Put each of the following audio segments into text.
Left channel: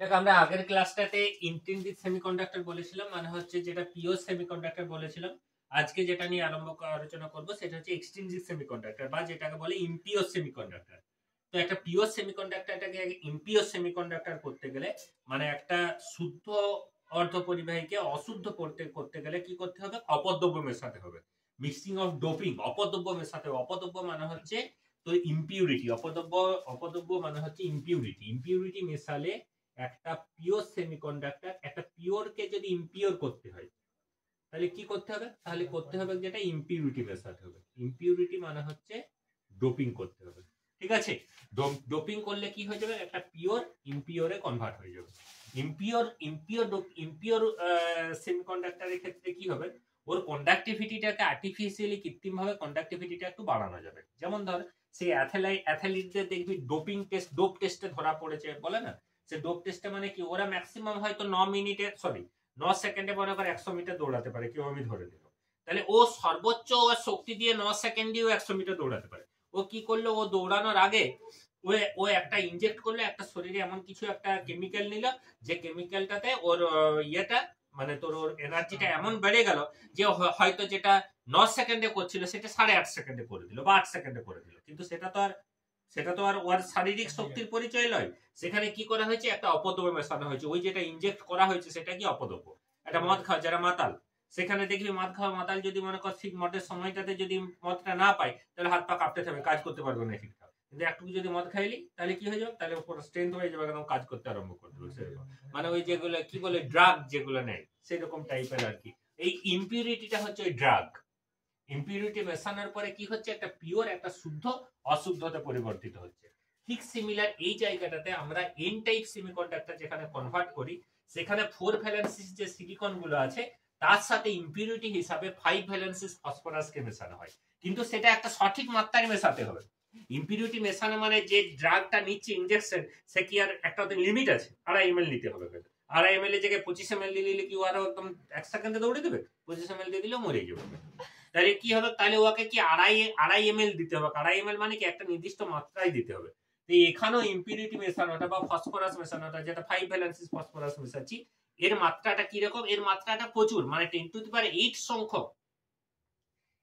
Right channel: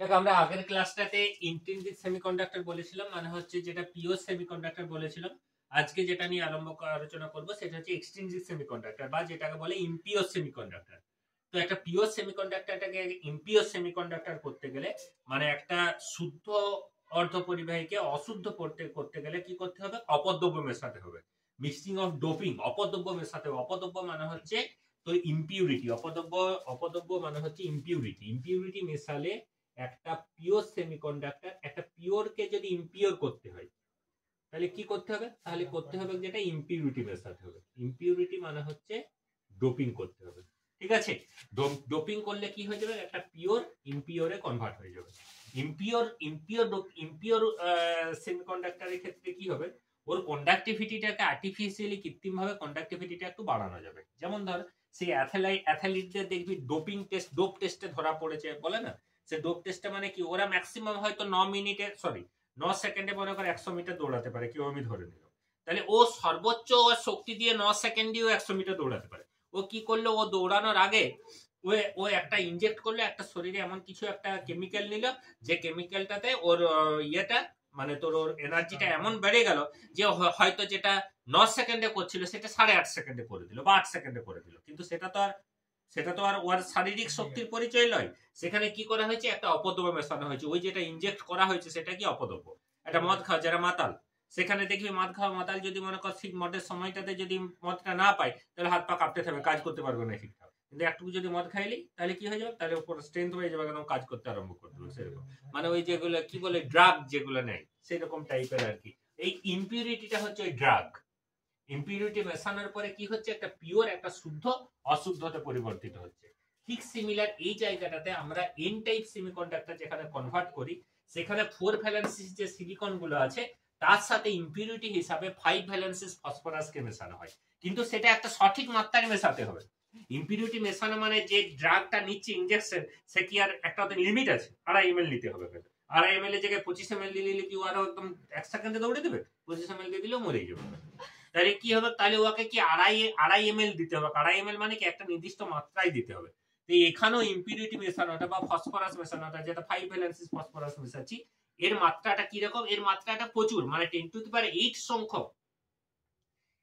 দেখ আমরা আগের ক্লাসটাতে ইন্ট্রিনসিক সেমিকন্ডাক্টর বলেছিলাম, মানে হচ্ছে যেটা পিওর সেমিকন্ডাক্টর বলেছিলাম। আজকে যেটা নিয়ে আলোচনা করব সেটা হচ্ছে এক্সট্রিনসিক সেমিকন্ডাক্টর বা যেটাকে বলে ইম্পিওর সেমিকন্ডাক্টর। তো একটা পিওর সেমিকন্ডাক্টরটাকে ইম্পিওর সেমিকন্ডাক্টর করতে গেলে, মানে একটা শুদ্ধ অর্ধপরিবাহীকে অশুদ্ধ করতে গেলে কি করতে হবে? অপদ্রব্য মেশাতে হবে, মিক্সিং অফ ডোপিং, অপদ্রব্য মেশাতে হবে। অপদ্রব্য মানে হচ্ছে তো ইম্পিউরিটি, অপদ্রব্য মানে হচ্ছে ইম্পিউরিটি। ইম্পিউরিটি মেশালে একটা পিওর সেমিকন্ডাক্টর, একটা পিওরকে যদি ইম্পিওর করতে হয় তাহলে কি করতে হবে? তাহলে করতে হবে যেটা ইম্পিউরিটি মেশাতে হবে। ইম্পিউরিটি মানে হচ্ছে ডোপিং করতে হবে, ঠিক আছে? ডোপিং করলে কি হয়ে যাবে? একটা পিওর ইম্পিওরে কনভার্ট হয়ে যাবে। ইম্পিওর সেমিকন্ডাক্টরের ক্ষেত্রে কি হবে? ওর কন্ডাক্টিভিটিটাকে আর্টিফিশিয়ালি কৃত্রিম ভাবে কন্ডাক্টিভিটিটা একটু বাড়ানো যাবে। যেমন ধর সেই অ্যাথলিটদের দেখবি ডোপ টেস্টে ধরা পড়েছে বলে না, সে ডোপ টেস্টে মানে কি ওরা ম্যাক্সিমাম হয়তো 9 সেকেন্ডে মনে করে 100 মিটার দৌড়াতে পারে, কেউ আমি ধরে নিল। তাহলে ও সর্বোচ্চ শক্তি দিয়ে 9 সেকেন্ডেও 100 মিটার দৌড়াতে পারে। ও কি করলো? ও দৌড়ানোর আগে ও একটা ইনজেক্ট করলো, একটা শরীরে এমন কিছু একটা কেমিক্যাল নিল, যে কেমিক্যালটাতে ওর ইয়েটা মানে তোর ওর এনার্জিটা এমন বেড়ে গেল যে হয়তো যেটা 9 সেকেন্ডে করছিল সেটা 8.5 সেকেন্ডে করে দিল বা 8 সেকেন্ডে করে দিল। কিন্তু সেটা তো আর ওর শারীরিক শক্তির পরিচয় নয়। সেখানে কি করা হয়েছে? একটা অপদ্রব্য মেশানো হয়েছে। ওই যেটা ইনজেক্ট করা হয়েছে সেটা কি অপদ্রব্য। একটা মদ খাওয়া যারা মাতাল, সেখানে দেখবি মদ খাওয়া মাতাল যদি মনে কর ঠিক মদের সময়টাতে যদি মদটা না পায় তাহলে হাত পা কাঁপতে থাকবে, কাজ করতে পারবে না ঠিকঠাক। কিন্তু একটু যদি মদ খাইলি তাহলে কি হয়ে যাবে? তাহলে উপর স্ট্রেংথ হয়ে যাবে, একদম কাজ করতে আরম্ভ করবে। সেরকম মানে ওই যেগুলো কি বলে ড্রাগ যেগুলো নেয় সেরকম টাইপের আর কি। এই ইম্পিউরিটিটা হচ্ছে ওই ড্রাগ। ইম্পিউরিটি মেশানোর পরে কি হচ্ছে? একটা পিওর, একটা শুদ্ধ অশুদ্ধতে পরিবর্তিত হচ্ছে। ঠিক সিমিলার এই জায়গাটাতে আমরা এন টাইপ সেমিকন্ডাক্টর যেখানে কনভার্ট করি, সেখানে 4 ভ্যালেন্সিস যে সিলিকন গুলো আছে তার সাথে ইম্পিউরিটি হিসাবে 5 ভ্যালেন্সিস ফসফরাসকে মেশানো হয়। কিন্তু সেটা একটা সঠিক মাত্রায় মেশাতে হবে। ইম্পিউরিটি মেশানো মানে যে ড্রাগটা নিচ্ছে ইনজেকশন, সে কি আর একটা লিমিট আছে? 2.5 ml নিতে হবে। 2.5 ml এর জায়গায় 25 ml দিলে কি আরো একদম 1 সেকেন্ডে দৌড়ে দেবে? 25 ml দিয়ে দিলেও মরে যাবে। তাহলে কি হবে? তাহলে ওকে কি 2.5 ml দিতে হবে। 2.5 ml মানে কি একটা নির্দিষ্ট মাত্রায় দিতে হবে। তো এখানেও ইম্পিউরিটি মেশানোটা বা ফসফরাস মেশানোটা, যেটা 5 ভ্যালেন্সিস ফসফরাস মেশাচ্ছি, এর মাত্রাটা কি রকম? এর মাত্রাটা প্রচুর, মানে 10⁸ সংখ্যক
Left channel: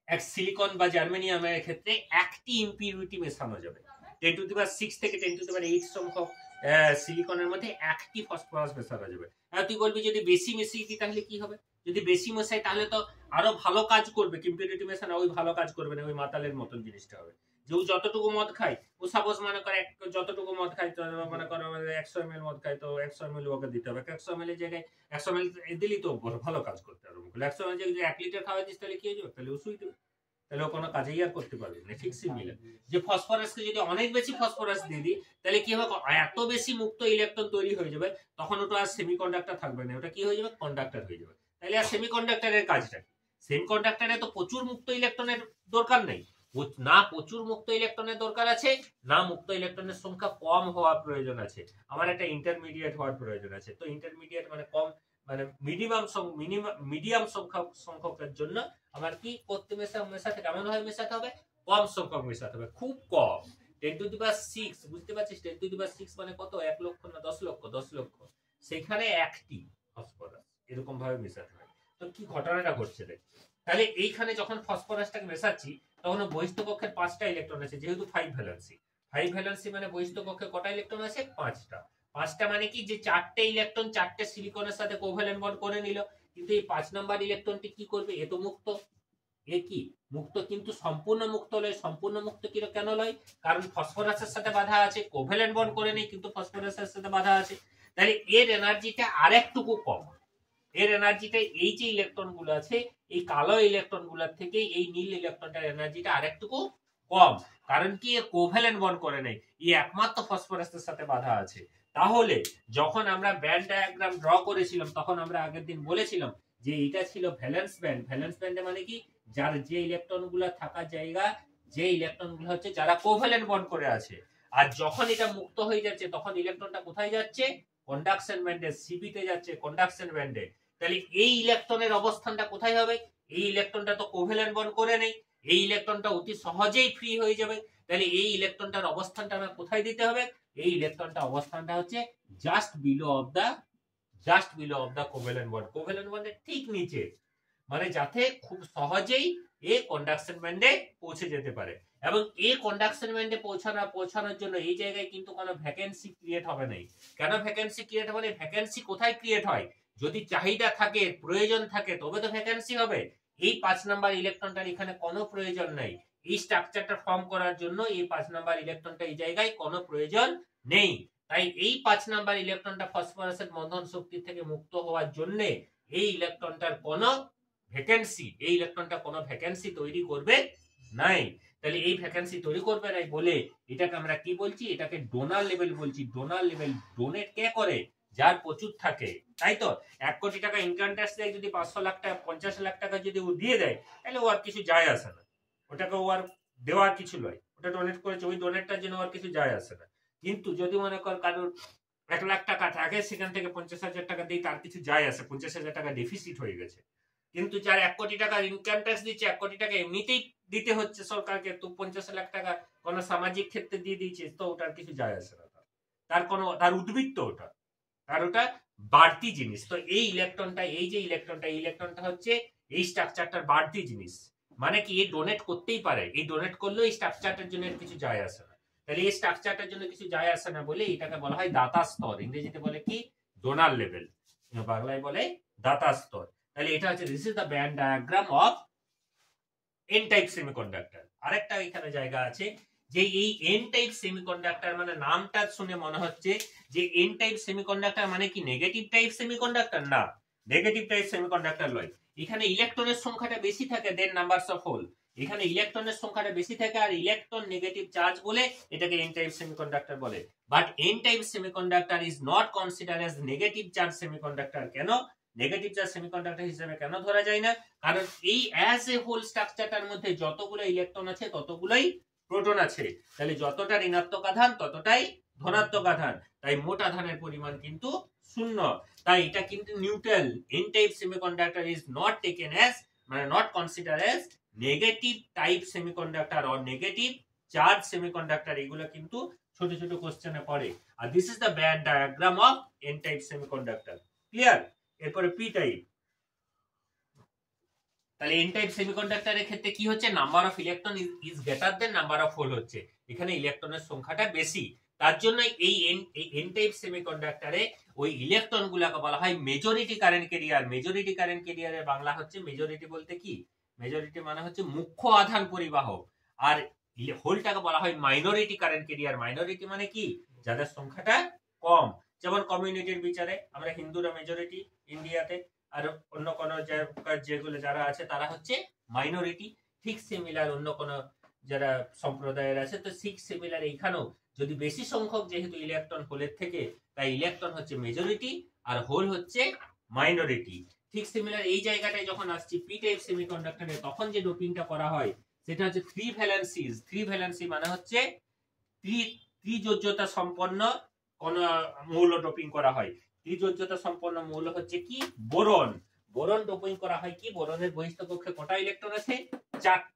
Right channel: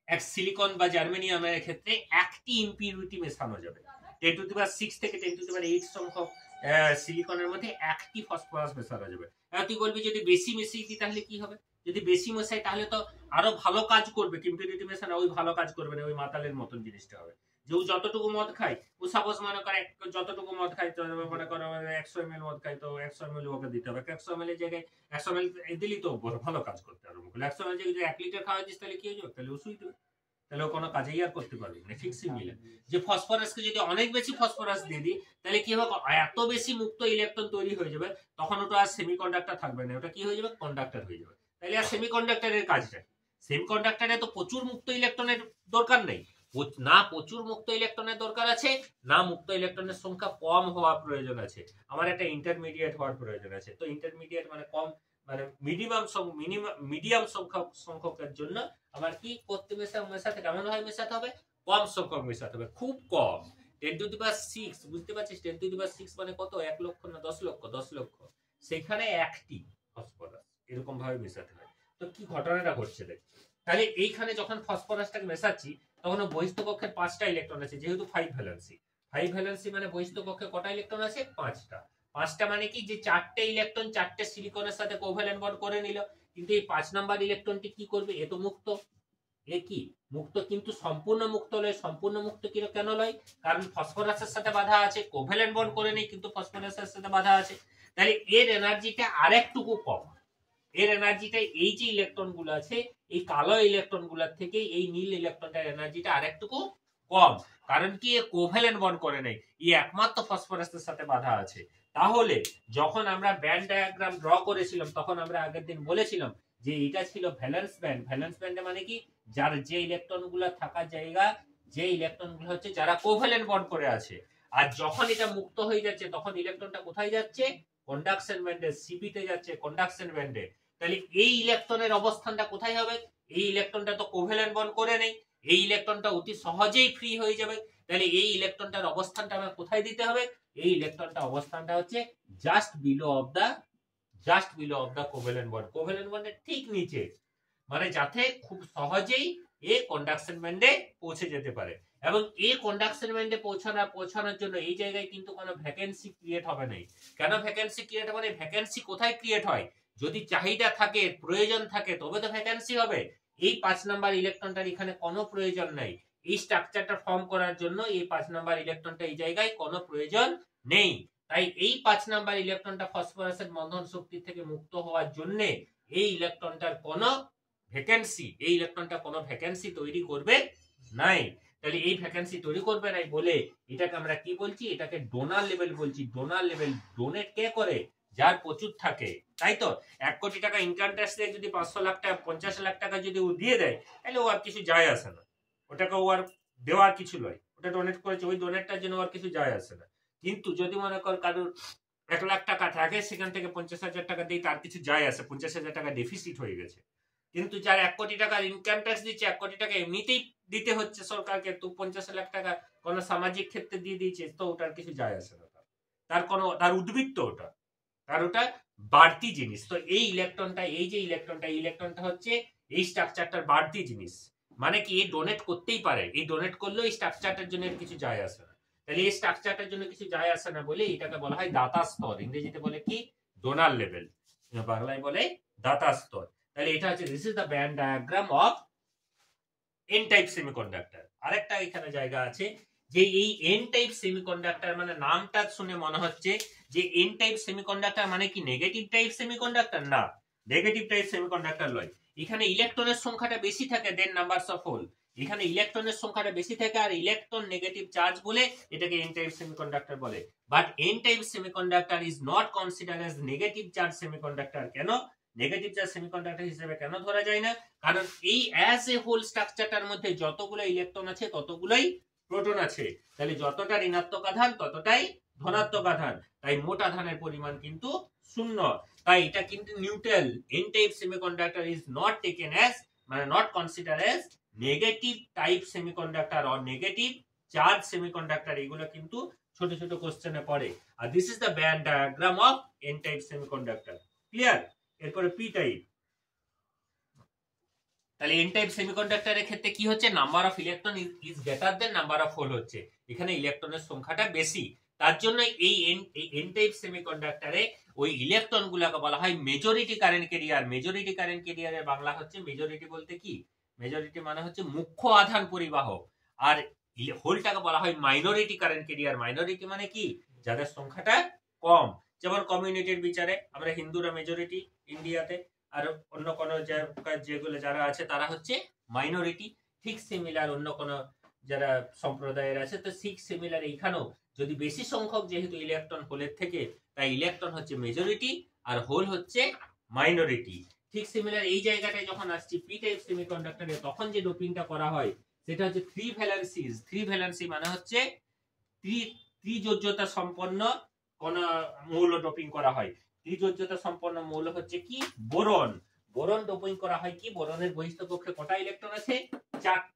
এক সিলিকন বা জার্মেনিয়ামের ক্ষেত্রে একটি ইম্পিউরিটি মেশানো যাবে। 10⁶ থেকে 10⁸ সংখ্যক সিলিকনের মধ্যে একটি ফসফরাস মেশানো যাবে। তুই বলবি যদি বেশি মিশিয়ে দিই তাহলে কি হবে? যদি বেশি মেশাই তাহলে তো আরো ভালো কাজ করবে। ইম্পিউরিটি মেশানো ওই ভালো কাজ করবে না, ওই মাতালের মতন জিনিসটা হবে। যে ও যতটুকু মদ খায়, ও সাপোজ মনে করে যতটুকু মদ খায়, মনে করো 100 ml মদ খায়, তো 100 ml ওকে দিতে হবে। 100 ml এর জায়গায় 100 ml দিলি তো ভালো কাজ করতে আরম্ভ করলো। 100 ml যদি 1 লিটার খাওয়া দিস তাহলে কি হয়ে যাবে? তাহলে ও শুই দেবে, তাহলে ও কোনো কাজেই আর করতে পারবে না। ঠিক সিমিলার যে ফসফরাসকে যদি অনেক বেশি ফসফরাস দিয়ে দিই তাহলে কি হবে? এত বেশি মুক্ত ইলেকট্রন তৈরি হয়ে যাবে, তখন ওটা আর সেমিকন্ডাক্টর থাকবে না, ওটা কি হয়ে যাবে? কন্ডাক্টর হয়ে যাবে। তাহলে আর সেমিকন্ডাক্টরের কাজটা কি? সেমিকন্ডাক্টরে তো প্রচুর মুক্ত ইলেকট্রনের দরকার নেই, না প্রচুর মুক্ত ইলেকট্রনের দরকার আছে, না মুক্ত ইলেকট্রনের সংখ্যা কম হওয়ার প্রয়োজন আছে। আমার একটা ইন্টারমিডিয়েট হওয়ার প্রয়োজন আছে। তো ইন্টারমিডিয়েট মানে কম, মানে মিডিয়াম সংখ্যকের জন্য আমার কি করতে মেশাতে কেমন ভাবে মেশাতে হবে? কম সংখ্যক মেশাতে হবে, খুব কম। 10⁶, বুঝতে পারছিস? 10⁶ মানে কত? 1 লক্ষ না 10 লক্ষ? 10 লক্ষ। সেখানে একটি ফসফরাস এরকম ভাবে মেশাতে হয়। তো কি ঘটনাটা ঘটছে দেখ। তাহলে এইখানে যখন ফসফরাসটাকে মেশাচ্ছি তখন বহিস্থ কক্ষের 5টা ইলেকট্রন আছে, যেহেতু 5 ভ্যালেন্সি। 5 ভ্যালেন্সি মানে বহিস্থ কক্ষে কটা ইলেকট্রন আছে? 5টা। 5টা মানে কি? যে 4টে ইলেকট্রন 4টে সিলিকনের সাথে কোভ্যালেন্ট বন্ড করে নিল। কিন্তু এই 5 নাম্বার ইলেকট্রনটি কি করবে? এ তো মুক্ত, এ কি মুক্ত, কিন্তু সম্পূর্ণ মুক্ত নয়। সম্পূর্ণ মুক্ত কেন নয়? কারণ ফসফরাসের সাথে বাধা আছে, কোভ্যালেন্ট বন্ড করে নেই কিন্তু ফসফরাসের সাথে বাধা আছে। তাহলে এর এনার্জিটা আরেকটুকু কম। এর এনার্জিটা এই যে ইলেকট্রন গুলো আছে, এই কালো ইলেকট্রন গুলোর থেকে এই নীল ইলেকট্রনটার এনার্জিটা আরেকটুকু কম। কারণ কি? এ কোভ্যালেন্ট বন্ড করে নেই, এই একমাত্র ফসফরাসের সাথে বাধা আছে। তাহলে যখন আমরা ব্যান্ড ডায়াগ্রাম ড্র করেছিলাম তখন আমরা আগের দিন বলেছিলাম যে এটা ছিল ভ্যালেন্স ব্যান্ড। ভ্যালেন্স ব্যান্ডে মানে কি? যার যে ইলেকট্রন গুলো থাকার জায়গা, যে ইলেকট্রন গুলো হচ্ছে যারা কোভ্যালেন্ট বন্ড করে আছে। আর যখন এটা মুক্ত হয়ে যাচ্ছে তখন ইলেকট্রনটা কোথায় যাচ্ছে? কন্ডাকশন ব্যান্ডে, সিপিতে যাচ্ছে, কন্ডাকশন ব্যান্ডে। তাহলে এই ইলেকট্রনের অবস্থানটা কোথায় হবে? এই ইলেকট্রনটা তো কোভ্যালেন্ট বন্ড করে নেই, এই ইলেকট্রনটা অতি সহজেই ফ্রি হয়ে যাবে। তাহলে এই ইলেকট্রনটার অবস্থানটা আমার কোথায় দিতে হবে? এই ইলেকট্রনটা অবস্থানটা হচ্ছে just below of the covalent bond, covalent বন্ডের ঠিক নিচে, মানে যাতে খুব সহজেই এ কন্ডাকশন ব্যান্ডে পৌঁছে যেতে পারে। এবং এই কন্ডাকশন ব্যান্ডে পৌঁছানোর জন্য এই জায়গায় কিন্তু কোনো ভ্যাকেন্সি ক্রিয়েট হবে না। কেন ভ্যাকেন্সি ক্রিয়েট হবে না? ভ্যাকেন্সি কোথায় ক্রিয়েট হয়? যদি চাহিদা থাকে, প্রয়োজন থাকে, তবে তো ভ্যাকেন্সি হবে। এই 5 নাম্বার ইলেকট্রনটার এখানে কোনো প্রয়োজন নাই। এই স্ট্রাকচারটা ফর্ম করার জন্য এই 5 নাম্বার ইলেকট্রনটা এই জায়গায় কোনো প্রয়োজন নেই। তাই এই 5 নাম্বার ইলেকট্রনটা ফসফরাসের বন্ধন শক্তি থেকে মুক্ত হওয়ার জন্য এই ইলেকট্রনটার কোনো ভ্যাকেন্সি তৈরি করবে নাই। তাহলে এই ভ্যাকেন্সি তৈরি করবে নাই বলে এটাকে আমরা কি বলছি? এটাকে ডোনার লেভেল বলছি। ডোনার লেভেল ডোনেট কে করে? যার প্রচুর থাকে, তাই তো। 1 কোটি টাকা ইনকাম ট্যাক্স দিয়ে যদি 500 লাখ টাকা 50 লাখ টাকা যদি ও দিয়ে দেয়, তাহলে ও আর কিছু যায় আসে না, ওটাকে ও আর দেওয়ার কিছু নয়, ওটা ডোনেট করেছে, ওই ডোনেটটার জন্য আর কিছু যায় আসে না। কিন্তু যদি মনে কর কারোর 1 লাখ টাকা থাকে, সেখান থেকে 50,000 টাকা দিয়ে তার কিছু যায় আসে, 50,000 টাকা ডেফিসিট হয়ে গেছে। কিন্তু যার 1 কোটি টাকার ইনকাম ট্যাক্স দিচ্ছে, 1 কোটি টাকা এমনিতেই দিতে হচ্ছে সরকারকে, তো 50 লাখ টাকা কোন সামাজিক ক্ষেত্রে দিয়ে দিয়েছে, তো ওটার কিছু যায় আসে না, তার উদ্বৃত্ত ওটা, তার ওটা বাড়তি জিনিস। তো এই ইলেকট্রনটা হচ্ছে এই স্ট্রাকচারটার বাড়তি জিনিস। মানে কি, এই ডোনেট করতেই পারে, এই ডোনেট করলেও এই স্ট্রাকচারটার জন্য কিছু যায় আসে না। তাহলে এই স্ট্রাকচারটার জন্য কিছু যায় আসে না বলে এটাকে বলা হয় দাতা স্তর। ইংরেজিতে বলে কি? ডোনার লেভেল, বাংলায় বলে দাতা স্তর। তাহলে এটা হচ্ছে this is the band diagram of N type semiconductor. আরেকটা এখানে জায়গা আছে যে এই এন টাইপ সেমিকন্ডাক্টর, মানে নামটা শুনে মনে হচ্ছে যে এন টাইপ সেমিকন্ডাক্টর মানে কি নেগেটিভ টাইপ সেমিকন্ডাক্টর? না, নেগেটিভ টাইপ সেমিকন্ডাক্টর নয়। এখানে ইলেকট্রনের সংখ্যাটা বেশি থাকে দেন নাম্বারস অফ হোল। এখানে ইলেকট্রনের সংখ্যাটা বেশি থাকে আর ইলেকট্রন নেগেটিভ চার্জ বলে এটাকে এন টাইপ সেমিকন্ডাক্টর বলে। But N type semiconductor is not considered as negative charge semiconductor. কেন নেগেটিভ চার্জ সেমিকন্ডাক্টর হিসেবে কেন ধরা যায় না? কারণ এই অ্যাজ এ হোল স্ট্রাকচারটার মধ্যে যতগুলো ইলেকট্রন আছে ততগুলোই প্রোটন আছে। তাহলে যতটা ঋণাত্মক আধান ততটাই ধনাত্মক আধান, তাই মোট আধানের পরিমাণ কিন্তু শূন্য। তাই এটা কিন্তু neutral. N type semiconductor is not taken as, মানে not consider as negative type semiconductor or negative charge semiconductor. এগুলো কিন্তু ছোট ছোট কোশ্চেনে পড়ে। আর this is the band diagram of N type semiconductor. Clear? এরপরে পি টাইপ। তাহলে এন টাইপ সেমিকন্ডাক্টরের ক্ষেত্রে কি হচ্ছে? Number of electron is greater than number of hole হচ্ছে। এখানে ইলেকট্রনের সংখ্যাটা বেশি, তার জন্য এই এন টাইপ সেমিকন্ডাক্টরে ওই ইলেকট্রন গুলাকে বলা হয় majority current career. Majority current ক্যারিয়ারের বাংলা হচ্ছে, মেজরিটি বলতে কি? মেজরিটি মানে হচ্ছে মুখ্য আধান পরিবাহক। আর হোলটাকে বলা হয় মাইনরিটি কারেন্ট ক্যারিয়ার। মাইনরিটি মানে কি? যাদের সংখ্যাটা কম। যেমন কমিউনিটির বিচারে আমরা হিন্দুরা মেজরিটি ইন্ডিয়াতে, আর অন্য কোন যেগুলো যারা আছে তারা হচ্ছে মাইনরিটি। ঠিক সিমিলার অন্য কোন যারা সম্প্রদায়ের আছে, তো ঠিক সিমিলার এইখানেও যদি বেশি সংখ্যক যেহেতু ইলেকট্রন হোলের থেকে, তাই ইলেকট্রন হচ্ছে মেজরিটি আর হোল হচ্ছে মাইনরিটি। ঠিক সিমিলার এই জায়গাটায় যখন আসছি পি টাইপ সেমিকন্ডাক্টরে, তখন যে ডোপিংটা করা হয় সেটা হচ্ছে 3 ভ্যালেন্সিস। 3 ভ্যালেন্সি মানে হচ্ছে ত্রিযোজ্যতা সম্পন্ন কোন মৌল ডোপিং করা হয়। ত্রিযোজ্যতা সম্পন্ন মৌল হচ্ছে কি? বোরন। বোরন ডোপিং করা হয় কি? বোরনের বহিস্থ কক্ষে কটা ইলেকট্রন আছে?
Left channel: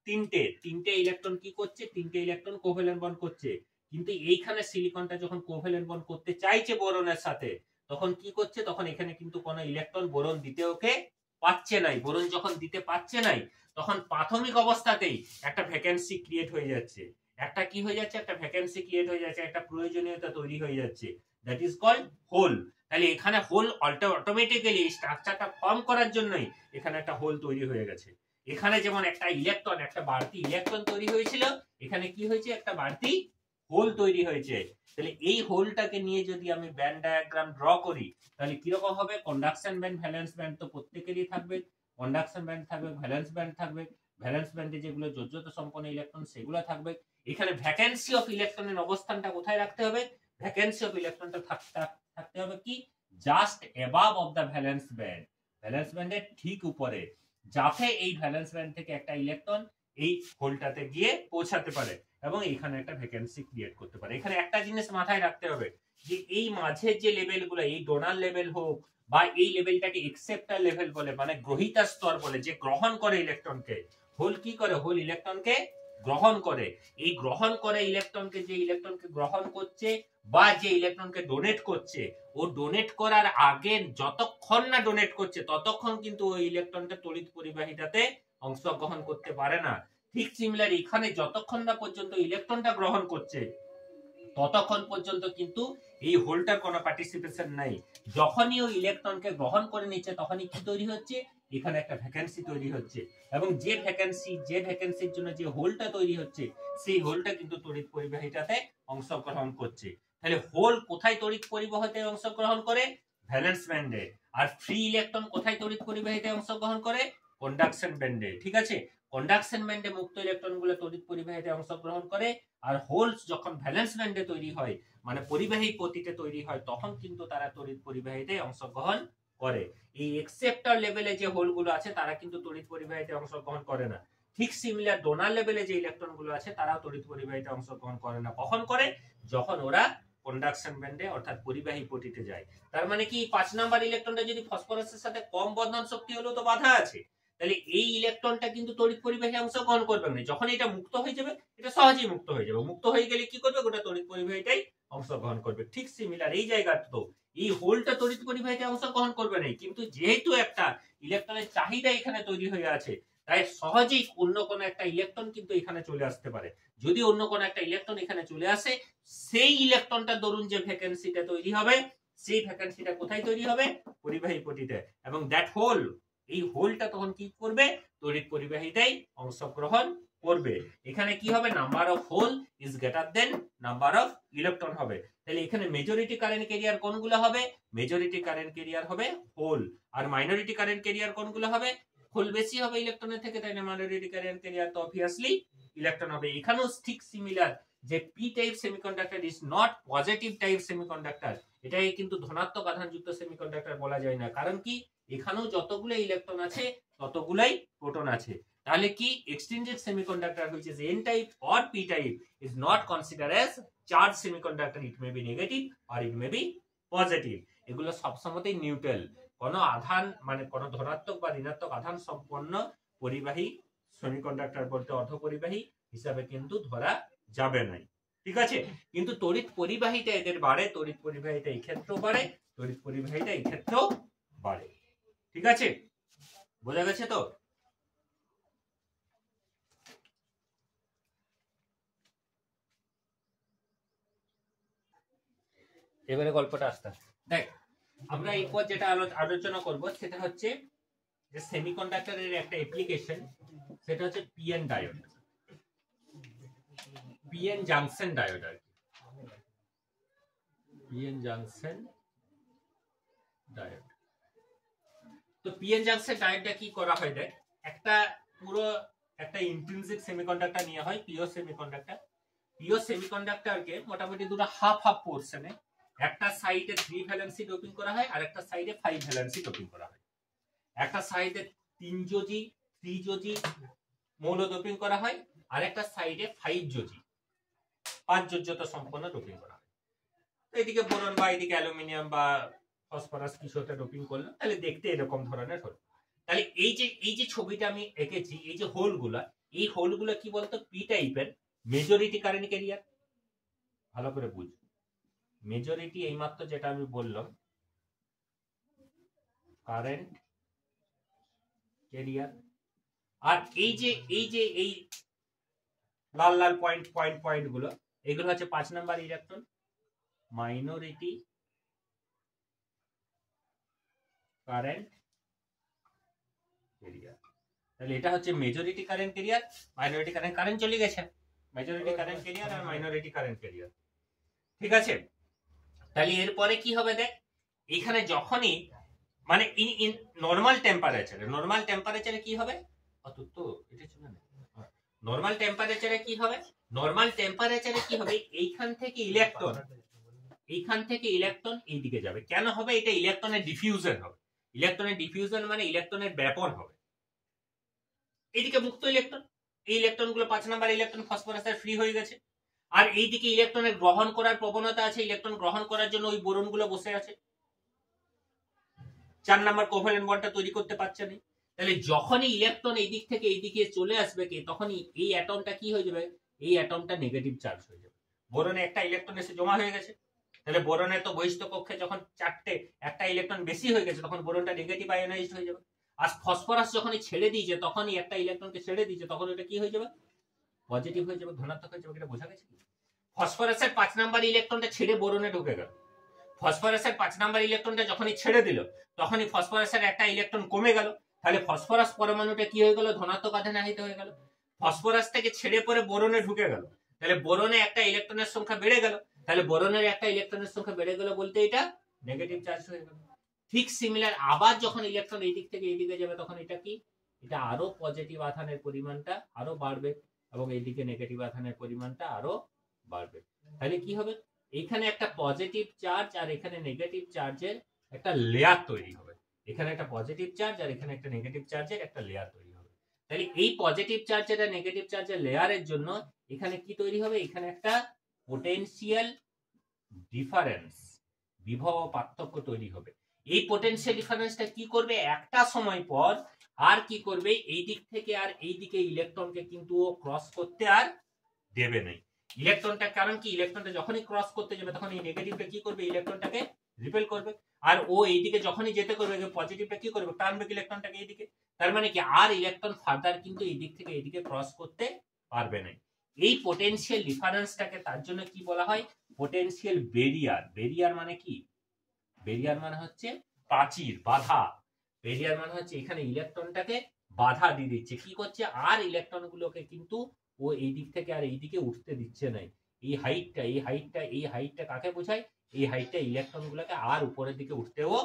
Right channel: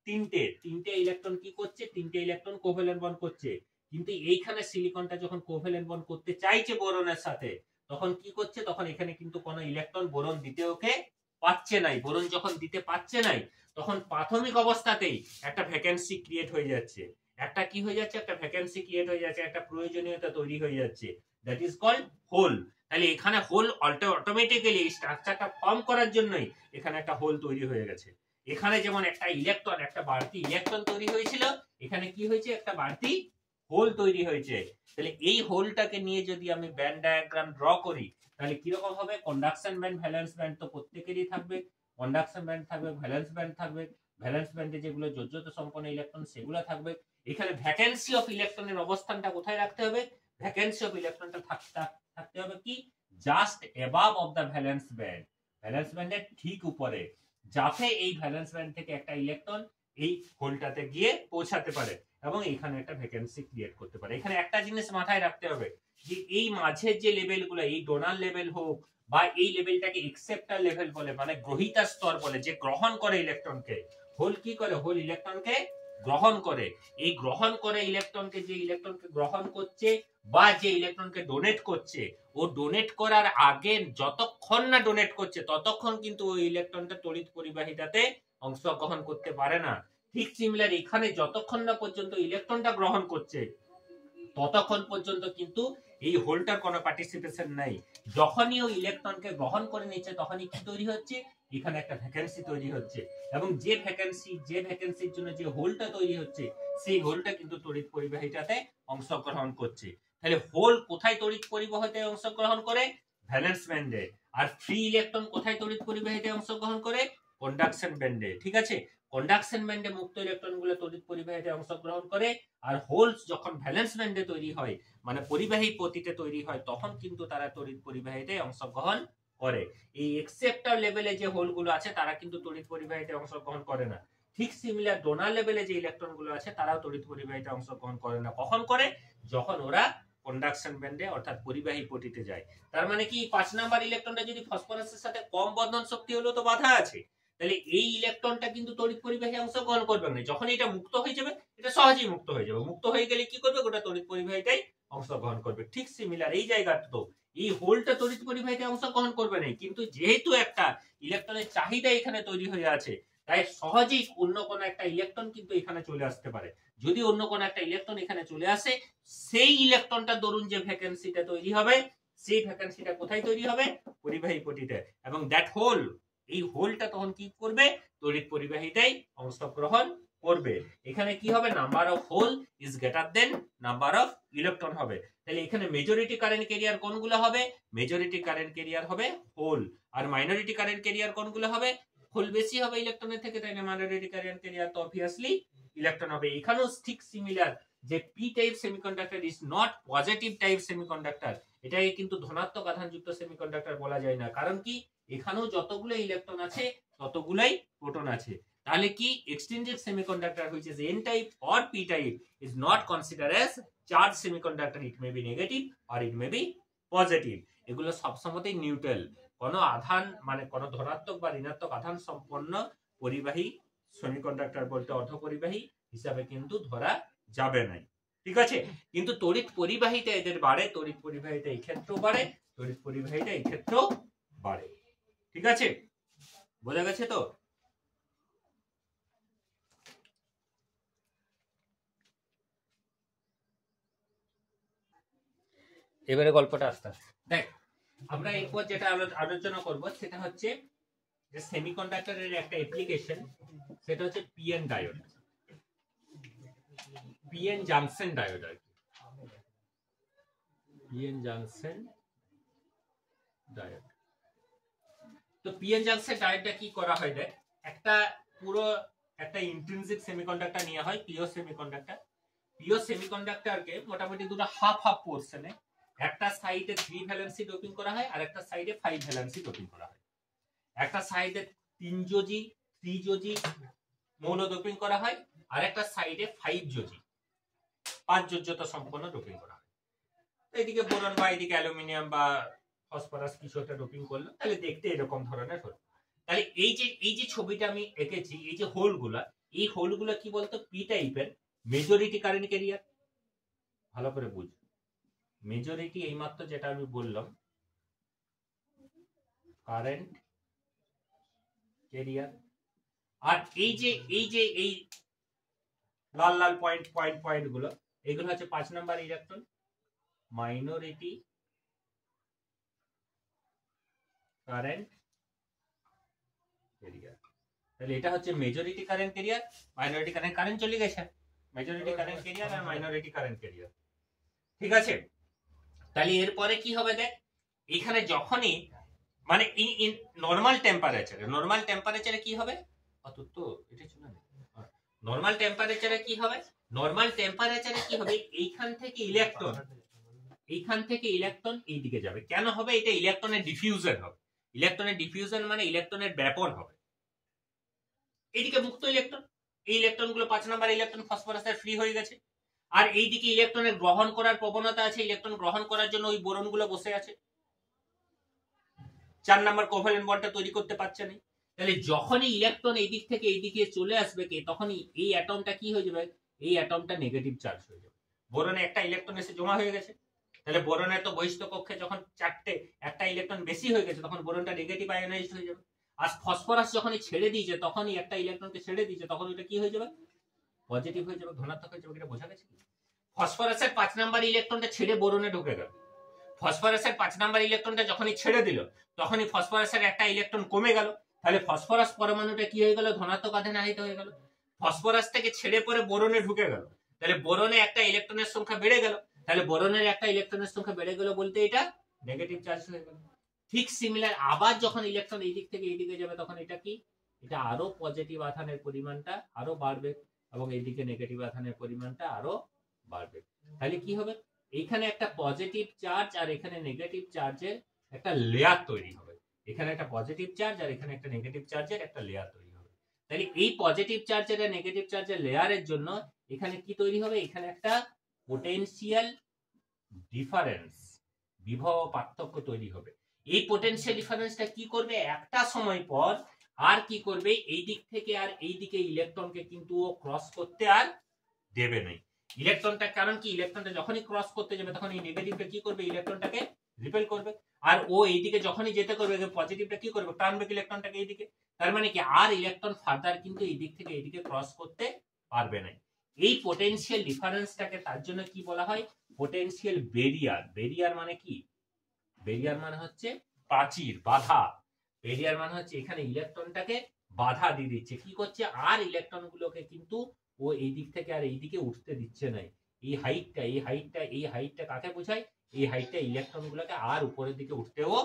তিনটে ইলেকট্রন কি করছে? তিনটে ইলেকট্রন কোভ্যালেন্ট বন্ড করছে। কিন্তু এইখানে সিলিকনটা যখন কোভ্যালেন্ট বন্ড করতে চাইছে বোরনের সাথে, তখন কি করছে? তখন এখানে কিন্তু কোন ইলেকট্রন বোরন দিতে ওকে পাচ্ছে নাই। বোরন যখন দিতে পাচ্ছে নাই, তখন প্রাথমিক অবস্থাতেই একটা ভ্যাকেন্সি ক্রিয়েট হয়ে যাচ্ছে। একটা কি হয়ে যাচ্ছে? একটা ভ্যাকেন্সি ক্রিয়েট হয়ে যাচ্ছে, একটা প্রয়োজনীয়তা তৈরি হয়ে যাচ্ছে, দ্যাট ইজ কল্ড হোল। তাহলে এখানে হোল অটোমেটিক্যালি স্ট্রাকচারটা ফর্ম করার জন্যই এখানে একটা হোল তৈরি হয়ে গেছে। এখানে যেমন একটা ইলেকট্রন, একটা বাড়তি ইলেকট্রন তৈরি হয়েছিল, এখানে কি হয়েছে? একটা বাড়তি হোল তৈরি হয়েছে। তাহলে এই হোলটাকে নিয়ে যদি আমি ব্যান্ড ডায়াগ্রাম ড্র করি, তাহলে কিরকম হবে? কন্ডাকশন ব্যান্ড, ভ্যালেন্স ব্যান্ড তো প্রত্যেকেরই থাকবে। কন্ডাকশন ব্যান্ড থাকবে, ভ্যালেন্স ব্যান্ড থাকবে। ভ্যালেন্স ব্যান্ডে যেগুলো যোজ্যতা সম্পন্ন ইলেকট্রন সেগুলো থাকবে। এখানে ভ্যাকেন্সি অফ ইলেকট্রনের অবস্থানটা কোথায় রাখতে হবে? ভ্যাকেন্সি অফ ইলেকট্রনটা থাকতে হবে কি? Just above of the valence band. Valence ব্যান্ডের ঠিক উপরে, যাতে এই ভ্যালেন্স ব্যান্ড থেকে একটা ইলেকট্রন এই হোলটাতে গিয়ে পৌঁছাতে পারে এবং এখানে একটা ভ্যাকেন্সি ক্রিয়েট করতে পারে। এখানে একটা জিনিস মাথায় রাখতে হবে যে এই মাঝের যে লেভেলগুলো, এই ডোনার লেভেল হোক বা এই লেভেলটাকে একসেপ্টার লেভেল বলে, মানে গ্রহিতার স্তর বলে, যে গ্রহণ করে ইলেকট্রনকে। হোল কি করে? হোল ইলেকট্রনকে গ্রহণ করে। এই গ্রহণ করে ইলেকট্রনকে, যে ইলেকট্রনকে গ্রহণ করছে বা যে ইলেকট্রনকে ডোনেট করছে, ও ডোনেট করার আগে যতক্ষণ না ডোনেট করছে ততক্ষণ কিন্তু ওই ইলেকট্রনটা তড়িৎ পরিবাহিতাতে অংশগ্রহণ করতে পারে না। ঠিক সিমিলার এখানে যতক্ষণ না পর্যন্ত ইলেকট্রনটা গ্রহণ করছে ততক্ষণ পর্যন্ত কিন্তু এই হোলটার কোনো পার্টিসিপেশন নাই। যখনই ওই ইলেকট্রনকে গ্রহণ করে নিচ্ছে তখনই কি তৈরি হচ্ছে, এখানে একটা ভ্যাকেন্সি তৈরি হচ্ছে, এবং যে ভ্যাকেন্সির জন্য যে হোলটা তৈরি হচ্ছে সেই হোলটা কিন্তু তড়িৎ পরিবাহিতাতে অংশগ্রহণ করছে। তাহলে হোল কোথায় তড়িৎ পরিবাহিতায় অংশগ্রহণ করে? ভ্যালেন্স ব্যান্ডে। আর ফ্রি ইলেকট্রন কোথায় তড়িৎ পরিবাহিতায় অংশগ্রহণ করে? কন্ডাকশন ব্যান্ডে। ঠিক আছে, কন্ডাকশন ব্যান্ডে মুক্ত ইলেকট্রনগুলো তড়িৎ পরিবাহিতায় অংশগ্রহণ করে, আর হোলস যখন ভ্যালেন্স ব্যান্ডে তৈরি হয় মানে পরিবাহী পতিতে তৈরি হয় তখন কিন্তু তারা তড়িৎ পরিবাহিতায় অংশগ্রহণ করে। এই এক্সেপ্টর লেভেলে যে হোলগুলো আছে তারা কিন্তু তড়িৎ পরিবাহিতায় অংশগ্রহণ করে না। ঠিক সিমিলার ডোনার লেভেলে যে ইলেকট্রনগুলো আছে তারাও তড়িৎ পরিবাহিতায় অংশগ্রহণ করে না। কখন করে? যখন ওরা কন্ডাকশন ব্যান্ডে অর্থাৎ পরিবাহী পতিতে যায়। তার মানে কি 5 নাম্বার ইলেকট্রনটা যদি ফসফরাসের সাথে কম বন্ধন শক্তি হলো তো বাধা আছে, তাহলে এই ইলেকট্রনটা কিন্তু তড়িৎ পরিবাহী অংশগ্রহণ করবে না। যখন এটা মুক্ত হয়ে যাবে, এটা সহজেই মুক্ত হয়ে যাবে, মুক্ত হয়ে গেলে কি করবে? গোটা তড়িৎ পরিবাহিতায় অংশগ্রহণ করবে। ঠিক সিমিলার এই জায়গাটা তো এই হোলটা তড়িৎ পরিবাহিতায় অংশগ্রহণ করবে না, কিন্তু যেহেতু একটা ইলেকট্রনের চাহিদা এখানে তৈরি হয়ে আছে তাই সহজেই অন্য কোনো একটা ইলেকট্রন কিন্তু এখানে চলে আসতে পারে। যদি অন্য কোনো একটা ইলেকট্রন এখানে চলে আসে, সেই ইলেকট্রনটা ধরুন যে ভ্যাকেন্সিটা তৈরি হবে, সেই ভ্যাকেন্সিটা কোথায় তৈরি হবে? পরিবাহী পতিতে। এবং দ্যাট হোল, এই হোলটা তখন কি করবে? তড়িৎ পরিবাহিতায় অংশগ্রহণ করবে। এখানে কি হবে? Number of hole is greater than number of electron হবে। তাহলে এখানে মেজরিটি কারেন্ট ক্যারিয়ার কোনগুলো হবে? মেজরিটি কারেন্ট ক্যারিয়ার হবে হোল। আর মাইনরিটি কারেন্ট ক্যারিয়ার কোনগুলো হবে? হোল বেশি হবে ইলেকট্রনের থেকে, তাই না মাইনরিটি কারেন্ট ক্যারিয়ার তো অবভিয়াসলি ইলেকট্রন হবে। এখানেও ঠিক সিমিলার, যে P type semiconductor is not positive type semiconductor. এটাকে কিন্তু ধনাত্মক আধানযুক্ত সেমিকন্ডাক্টর বলা যায় না। কারণ কি? এখানেও যতগুলো ইলেকট্রন আছে ততগুলাই প্রোটন আছে। তাহলে কি extrinsic semiconductor which is n type or p type is not considered as charged semiconductor. It may be negative or it may be positive. এগুলো সবসময়ই নিউট্রাল। কোনো আধান মানে কোনো ধনাত্মক বা ঋণাত্মক আধান সম্পন্ন পরিবাহী সেমিকন্ডাক্টর বলতে অর্ধপরিবাহী হিসাবে কিন্তু ধরা যাবে না। ঠিক আছে, কিন্তু তড়িৎ পরিবাহিতা এদের বাড়ে, তড়িৎ পরিবাহিতা এই ক্ষেত্রেও বাড়ে, তড়িৎ পরিবাহিতা এই ক্ষেত্রেও বাড়ে। ঠিক আছে, বোঝা গেছে তো? এবারে গল্পটা আসতে দেখ, আমরা এরপর যেটা আলোচনা করব সেটা হচ্ছে যে সেমিকন্ডাক্টরের একটা অ্যাপ্লিকেশন, সেটা হচ্ছে PN diode, PN junction diode আর কি, পিএন জাংশন ডায়োড। তো পিএন জাংশন ডায়োডটা কি করা হয়? দেখ, একটা পুরো একটা ইন্ট্রিনসিক সেমিকন্ডাক্টর নিয়ে হয়, পিও সেমিকন্ডাক্টর। পিও সেমিকন্ডাক্টরকে মোটামুটি দুটো হাফ হাফ পোরশনে, একটা সাইডে 3 ভ্যালেন্সি ডোপিং করা হয় আর একটা সাইডে 5 ভ্যালেন্সি ডোপিং করা হয়। একটা সাইডে 3 যোজি 3 যোজি মৌল ডোপিং করা হয় আর একটা সাইডে 5 যোজি 5 যোজ্যতা সম্পন্ন ডোপিং করা হয়। এদিকে বোরন বা এদিকে অ্যালুমিনিয়াম বা ফসফরাস কিছু একটা ডোপিং করলো, তাহলে দেখতে এরকম ধরনের হলো। তাহলে এই যে ছবিটা আমি এঁকেছি, এই যে হোলগুলা, এই হোলগুলা কি বলতো? পি টাইপের মেজরিটি কারেন্ট ক্যারিয়ার। ভালো করে বুঝ, মেজরিটি এইমাত্র যেটা আমি বললাম কারেন্ট ক্যারিয়ার। আর এই যে এই লাল লাল পয়েন্ট পয়েন্ট পয়েন্ট গুলো, এগুলো হচ্ছে 5 number electron, minority current career. তাহলে এটা হচ্ছে majority current career, minority current, current চলে গেছে, মেজরিটি কারেন্ট ক্যারিয়ার আর মাইনরিটি কারেন্ট ক্যারিয়ার। ঠিক আছে, তাহলে এরপরে কি হবে? দেখ, এখানে যখনই মানে ইন নরমাল টেম্পারেচারে কি হবে? অতত এটা ছিল না। নরমাল টেম্পারেচারে কি হবে? নরমাল টেম্পারেচারে কি হবে? এইখান থেকে ইলেকট্রন এই দিকে যাবে। কেন হবে? এটা ইলেকট্রনের ডিফিউশন হবে। ইলেকট্রনের ডিফিউশন মানে ইলেকট্রনের ব্যাপন হবে। এইদিকে মুক্ত ইলেকট্রন, এই ইলেকট্রনগুলো 5 নাম্বার ইলেকট্রন ফসফরাসের ফ্রি হয়ে গেছে। আর এইদিকে ইলেকট্রনের গ্রহণ করার প্রবণতা আছে, ইলেকট্রন গ্রহণ করার জন্য ওই বোরনগুলো বসে আছে, 4 নাম্বার কোভ্যালেন্ট বন্ডটা তৈরি করতে পারছে না। তাহলে যখনই ইলেকট্রন এই দিক থেকে এই দিকে চলে আসবে, তখনই এই অ্যাটমটা কি হয়ে যাবে? এই অ্যাটমটা নেগেটিভ চার্জ হয়ে যাবে। বোরনে একটা ইলেকট্রন এসে জমা হয়ে গেছে, তাহলে বোরনের তো বহিষ্ঠ কক্ষে যখন চারটে একটা ইলেকট্রন বেশি হয়ে গেছে তখন বোরনটা নেগেটিভ আয়োনাইজড হয়ে যাবে। আর ফসফরাস যখনই ছেড়ে দিয়েছে তখনই একটা ইলেকট্রনকে ছেড়ে দিয়েছে তখন এটা কি হয়ে যাবে, পজিটিভ হয়ে যাবে, ধনাত্মক হয়ে যাবে। এটা বোঝা গেছে? ফসফরাসের 5 নাম্বার ইলেকট্রনটা ছেড়ে বোরনে ঢুকে গেল, ফসফরাসের 5 নাম্বার ইলেকট্রনটা যখনই ছেড়ে দিল তখনই ফসফরাসের একটা ইলেকট্রন কমে গেল, তাহলে ফসফরাস পরমাণুটা কি হয়ে গেল, ধনাত্মক আধানে আহিত হয়ে গেল। ফসফরাস থেকে ছেড়ে পরে বোরনে ঢুকে গেল, তাহলে বোরনে একটা ইলেকট্রনের সংখ্যা বেড়ে গেল, তাহলে বোরনের একটা ইলেকট্রনের সংখ্যা বেড়ে গেল বলতে এটা নেগেটিভ চার্জ হয়ে গেল। ঠিক সিমিলার আবার যখন ইলেকট্রন এই দিক থেকে এই দিকে যাবে তখন এটা কি, এটা আরো পজিটিভ আধানের পরিমাণটা আরো বাড়বে এবং এইদিকে নেগেটিভ আধানের পরিমাণটা আরো বাড়বে। তাহলে কি হবে, এইখানে একটা পজিটিভ চার্জ আর এখানে নেগেটিভ চার্জের একটা লেয়ার তৈরি হবে, এখানে একটা পজিটিভ চার্জ আর এখানে একটা নেগেটিভ চার্জের একটা লেয়ার তৈরি হবে। তাহলে এই পজিটিভ চার্জের আর নেগেটিভ চার্জের লেয়ারের জন্য এখানে কি তৈরি হবে, এখানে একটা পোটেনশিয়াল ডিফারেন্স, বিভব পার্থক্য তৈরি হবে। এই পোটেনশিয়াল ডিফারেন্সটা কি করবে, একটা সময় পর আর কি করবে, এই দিক থেকে আর এই দিকে ইলেকট্রনকে কিন্তু ক্রস করতে আর দেবে না ইলেকট্রনটা। কারণ কি, ইলেকট্রনটা যখনই ক্রস করতে যাবে তখন এই নেগেটিভটা কি করবে, ইলেকট্রনটাকে রিপেল করবে, আর ও এইদিকে যখনই যেতে করবে পজিটিভটা কি করবে, টানবে ইলেকট্রনটাকে এইদিকে। তার মানে কি, আর ইলেকট্রন ফার্দার কিন্তু এই দিক থেকে এইদিকে ক্রস করতে পারবে না। এই পোটেনশিয়াল ডিফারেন্সটাকে তার জন্য কি বলা হয়, পোটেনশিয়াল বেরিয়ার। বেরিয়ার মানে কি, বেরিয়ার মানে হচ্ছে প্রাচীর, বাধা। বেরিয়ার মানে হচ্ছে এখানে ইলেকট্রনটাকে বাধা দিয়ে দিচ্ছে, কি করছে, আর ইলেকট্রন গুলোকে কিন্তু ও এই দিক থেকে আর এই দিকে উঠতে দিচ্ছে না। এই হাইটটা কাকে বোঝায়, এই হাইটটা ইলেকট্রন গুলোকে আর উপরের দিকে উঠতেও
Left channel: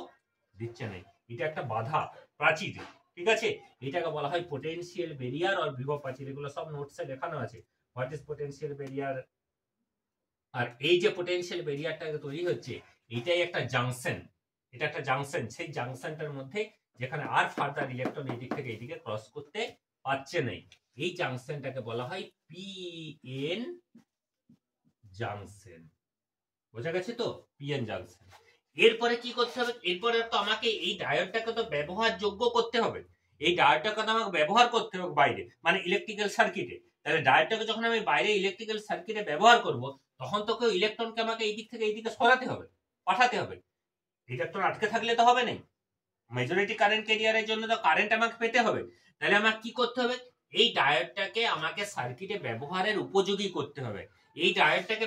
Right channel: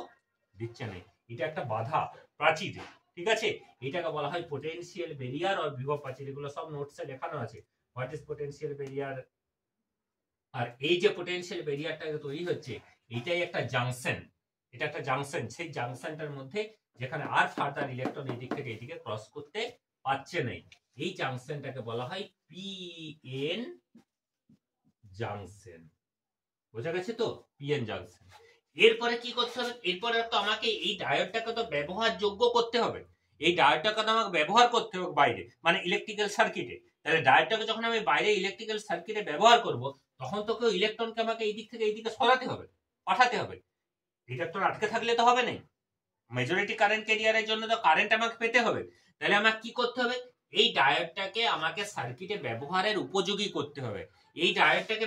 দিচ্ছে না। এটা একটা বাধা, প্রাচীর, ঠিক আছে। এটাকে বলা হয় পোটেনশিয়াল বেরিয়ার আর বিভব প্রাচীর। এগুলো সব নোটসে লেখানো আছে, হোয়াট ইজ পোটেনশিয়াল বেরিয়ার। আর এই যে পোটেনশিয়াল বেরিয়ারটা তৈরি হচ্ছে এটাই একটা জাংশন, এটা একটা জাংশন। সেই জাংশনটার মধ্যে যেখানে আর ফার্দার ইলেকট্রন এই দিক থেকে এইদিকে ক্রস করতে পারছে না, এই জাংশনটাকে বলা হয় পিএন জাংশন। বোঝা গেছে তো, পিএন জাংশন। এরপরে কি করতে হবে, এরপরে তো আমাকে এই ডায়োডটাকে তো ব্যবহারযোগ্য করতে হবে, এই ডায়োডটাকে তো আমাকে ব্যবহার করতে হবে বাইরে, মানে ইলেকট্রিক্যাল সার্কিটে। তাহলে ডায়োডটাকে যখন আমি বাইরে ইলেকট্রিক্যাল সার্কিটে ব্যবহার করব তখন তো কেউ ইলেকট্রনকে আমাকে এই দিক থেকে এই দিকে সরাতে হবে, পাঠাতে হবে। ইলেকট্রন আটকে থাকলে তো হবে না, মেজরিটি কারেন্ট ক্যারিয়ারের জন্য তো কারেন্ট আমাকে পেতে হবে। তাহলে আমাকে কি করতে হবে, এই ডায়োডটাকে আমাকে সার্কিটে ব্যবহারের উপযোগী করতে হবে। এই ডায়োডটাকে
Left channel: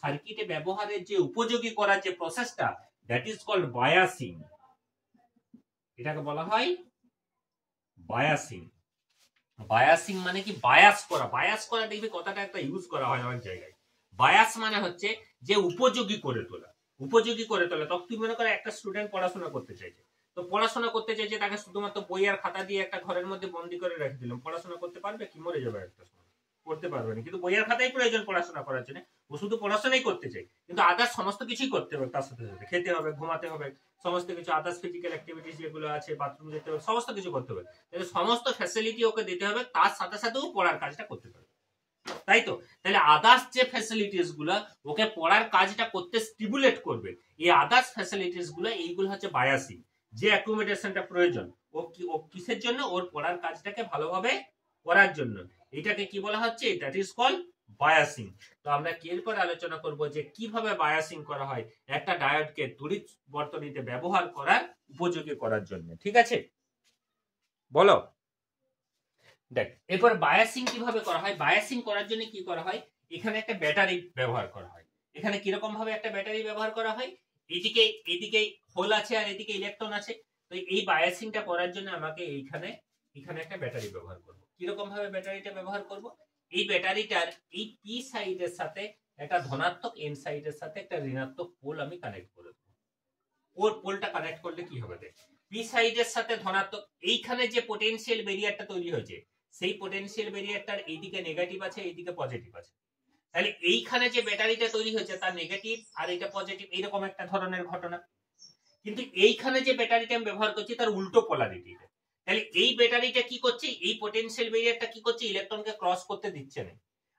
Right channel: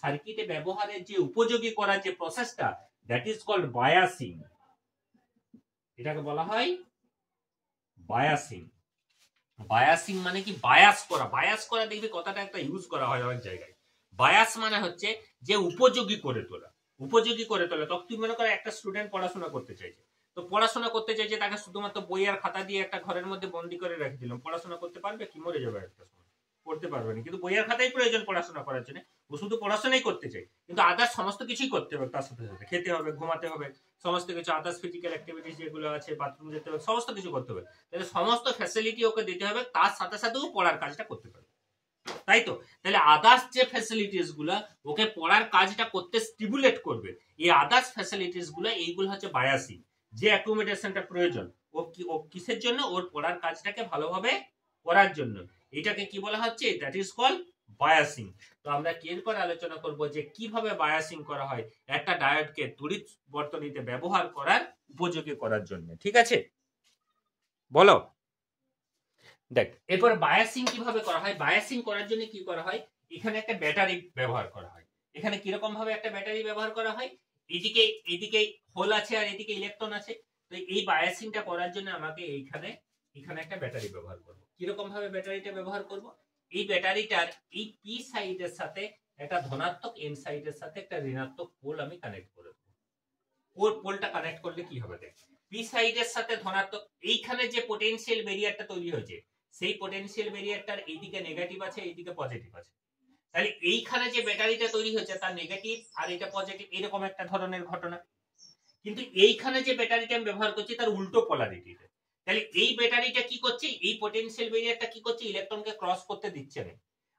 সার্কিটে ব্যবহারের যে উপযোগী করার যে প্রসেসটা, দ্যাট ইজ কল্ড বায়াসিং। এটাকে বলা হয় বায়াসিং। বায়াসিং মানে কি, বায়াস করা। বায়াস করা দেখবি কথাটা একটা ইউজ করা হয় অনেক জায়গায়। বায়াস মানে হচ্ছে যে উপযোগী করে তোলা, উপযোগী করে তোলা। তখন তুই মনে করে একটা স্টুডেন্ট পড়াশোনা করতে চাইছে, তো পড়াশোনা করতে চাইছে, তাকে শুধুমাত্র বই আর খাতা দিয়ে একটা ঘরের মধ্যে বন্দি করে রেখে দিলাম, পড়াশোনা করতে পারবে কি, মরে যাবে একটা সময়, করতে পারবে না। কিন্তু বই আর খাতাই প্রয়োজন পড়াশোনা করার জন্য, ও শুধু পড়াশোনাই করতে চাই, কিন্তু আদার্স সমস্ত কিছুই করতে হবে তার সাথে সাথে, খেতে হবে, ঘুমাতে হবে, সমস্ত কিছু আদার্স ফিজিক্যাল অ্যাক্টিভিটিস যেগুলো আছে, বাথরুম যেতে হবে, সমস্ত কিছু করতে হবে। তাহলে সমস্ত ফ্যাসিলিটি ওকে দিতে হবে, তার সাথে সাথেও পড়ার কাজটা করতে পারবে, তাই তো। তাহলে আদার্স যে ফ্যাসিলিটিস গুলা ওকে পড়ার কাজটা করতে স্টিমুলেট করবে, এই আদার্স ফ্যাসিলিটিস গুলো, এইগুলো হচ্ছে বায়াসিং। যে অ্যাকোমোডেশনটা প্রয়োজন ও কিসের জন্য, ওর পড়ার কাজটাকে ভালোভাবে করার জন্য, এটাকে কি বলা হচ্ছে, দ্যাট ইজ কল্ড বায়াসিং। তো আমরা এরপর আলোচনা করব যে কিভাবে বায়াসিং করা হয় একটা ডায়োডকে তড়িৎ বর্তনীতে ব্যবহার করার উপযোগী করার জন্য, ঠিক আছে। বলো, দেখ এরপর বায়াসিং কিভাবে করা হয়। বায়াসিং করার জন্য কি করা হয়, এখানে একটা ব্যাটারি ব্যবহার করা হয়। এখানে কিরকম ভাবে একটা ব্যাটারি ব্যবহার করা হয়, এদিকে হোল আছে আর এদিকে ইলেকট্রন আছে। তো এই বায়াসিংটা করার জন্য আমাকে এখানে একটা ব্যাটারি ব্যবহার করব। কিরকম ভাবে ব্যাটারিটা ব্যবহার করব, এই ব্যাটারিটার এই পি সাইডের সাথে একটা ধনাত্মক, এন সাইডের সাথে একটা ঋণাত্মক পোল আমি কানেক্ট করে দেবো। ওর পোলটা কানেক্ট করলে কি হবে, দেখ পি সাইডের সাথে ধনাত্মক, এইখানে যে পোটেনশিয়াল ব্যারিয়ারটা তৈরি হয়েছে সেই পোটেনশিয়াল ব্যারিয়ারটার এইদিকে নেগেটিভ আছে, এইদিকে পজিটিভ আছে। তাহলে এইখানে যে ব্যাটারিটা তৈরি হয়েছে তার নেগেটিভ আর এটা পজিটিভ, এইরকম একটা ধরনের ঘটনা। কিন্তু এইখানে যে ব্যাটারিটা আমি ব্যবহার করছি তার উল্টো পোলারিটি। তাহলে এই ব্যাটারিটা কি করছে, এই পোটেনশিয়াল ব্যারিয়ারটা কি করছে, ইলেকট্রনকে ক্রস করতে দিচ্ছে না।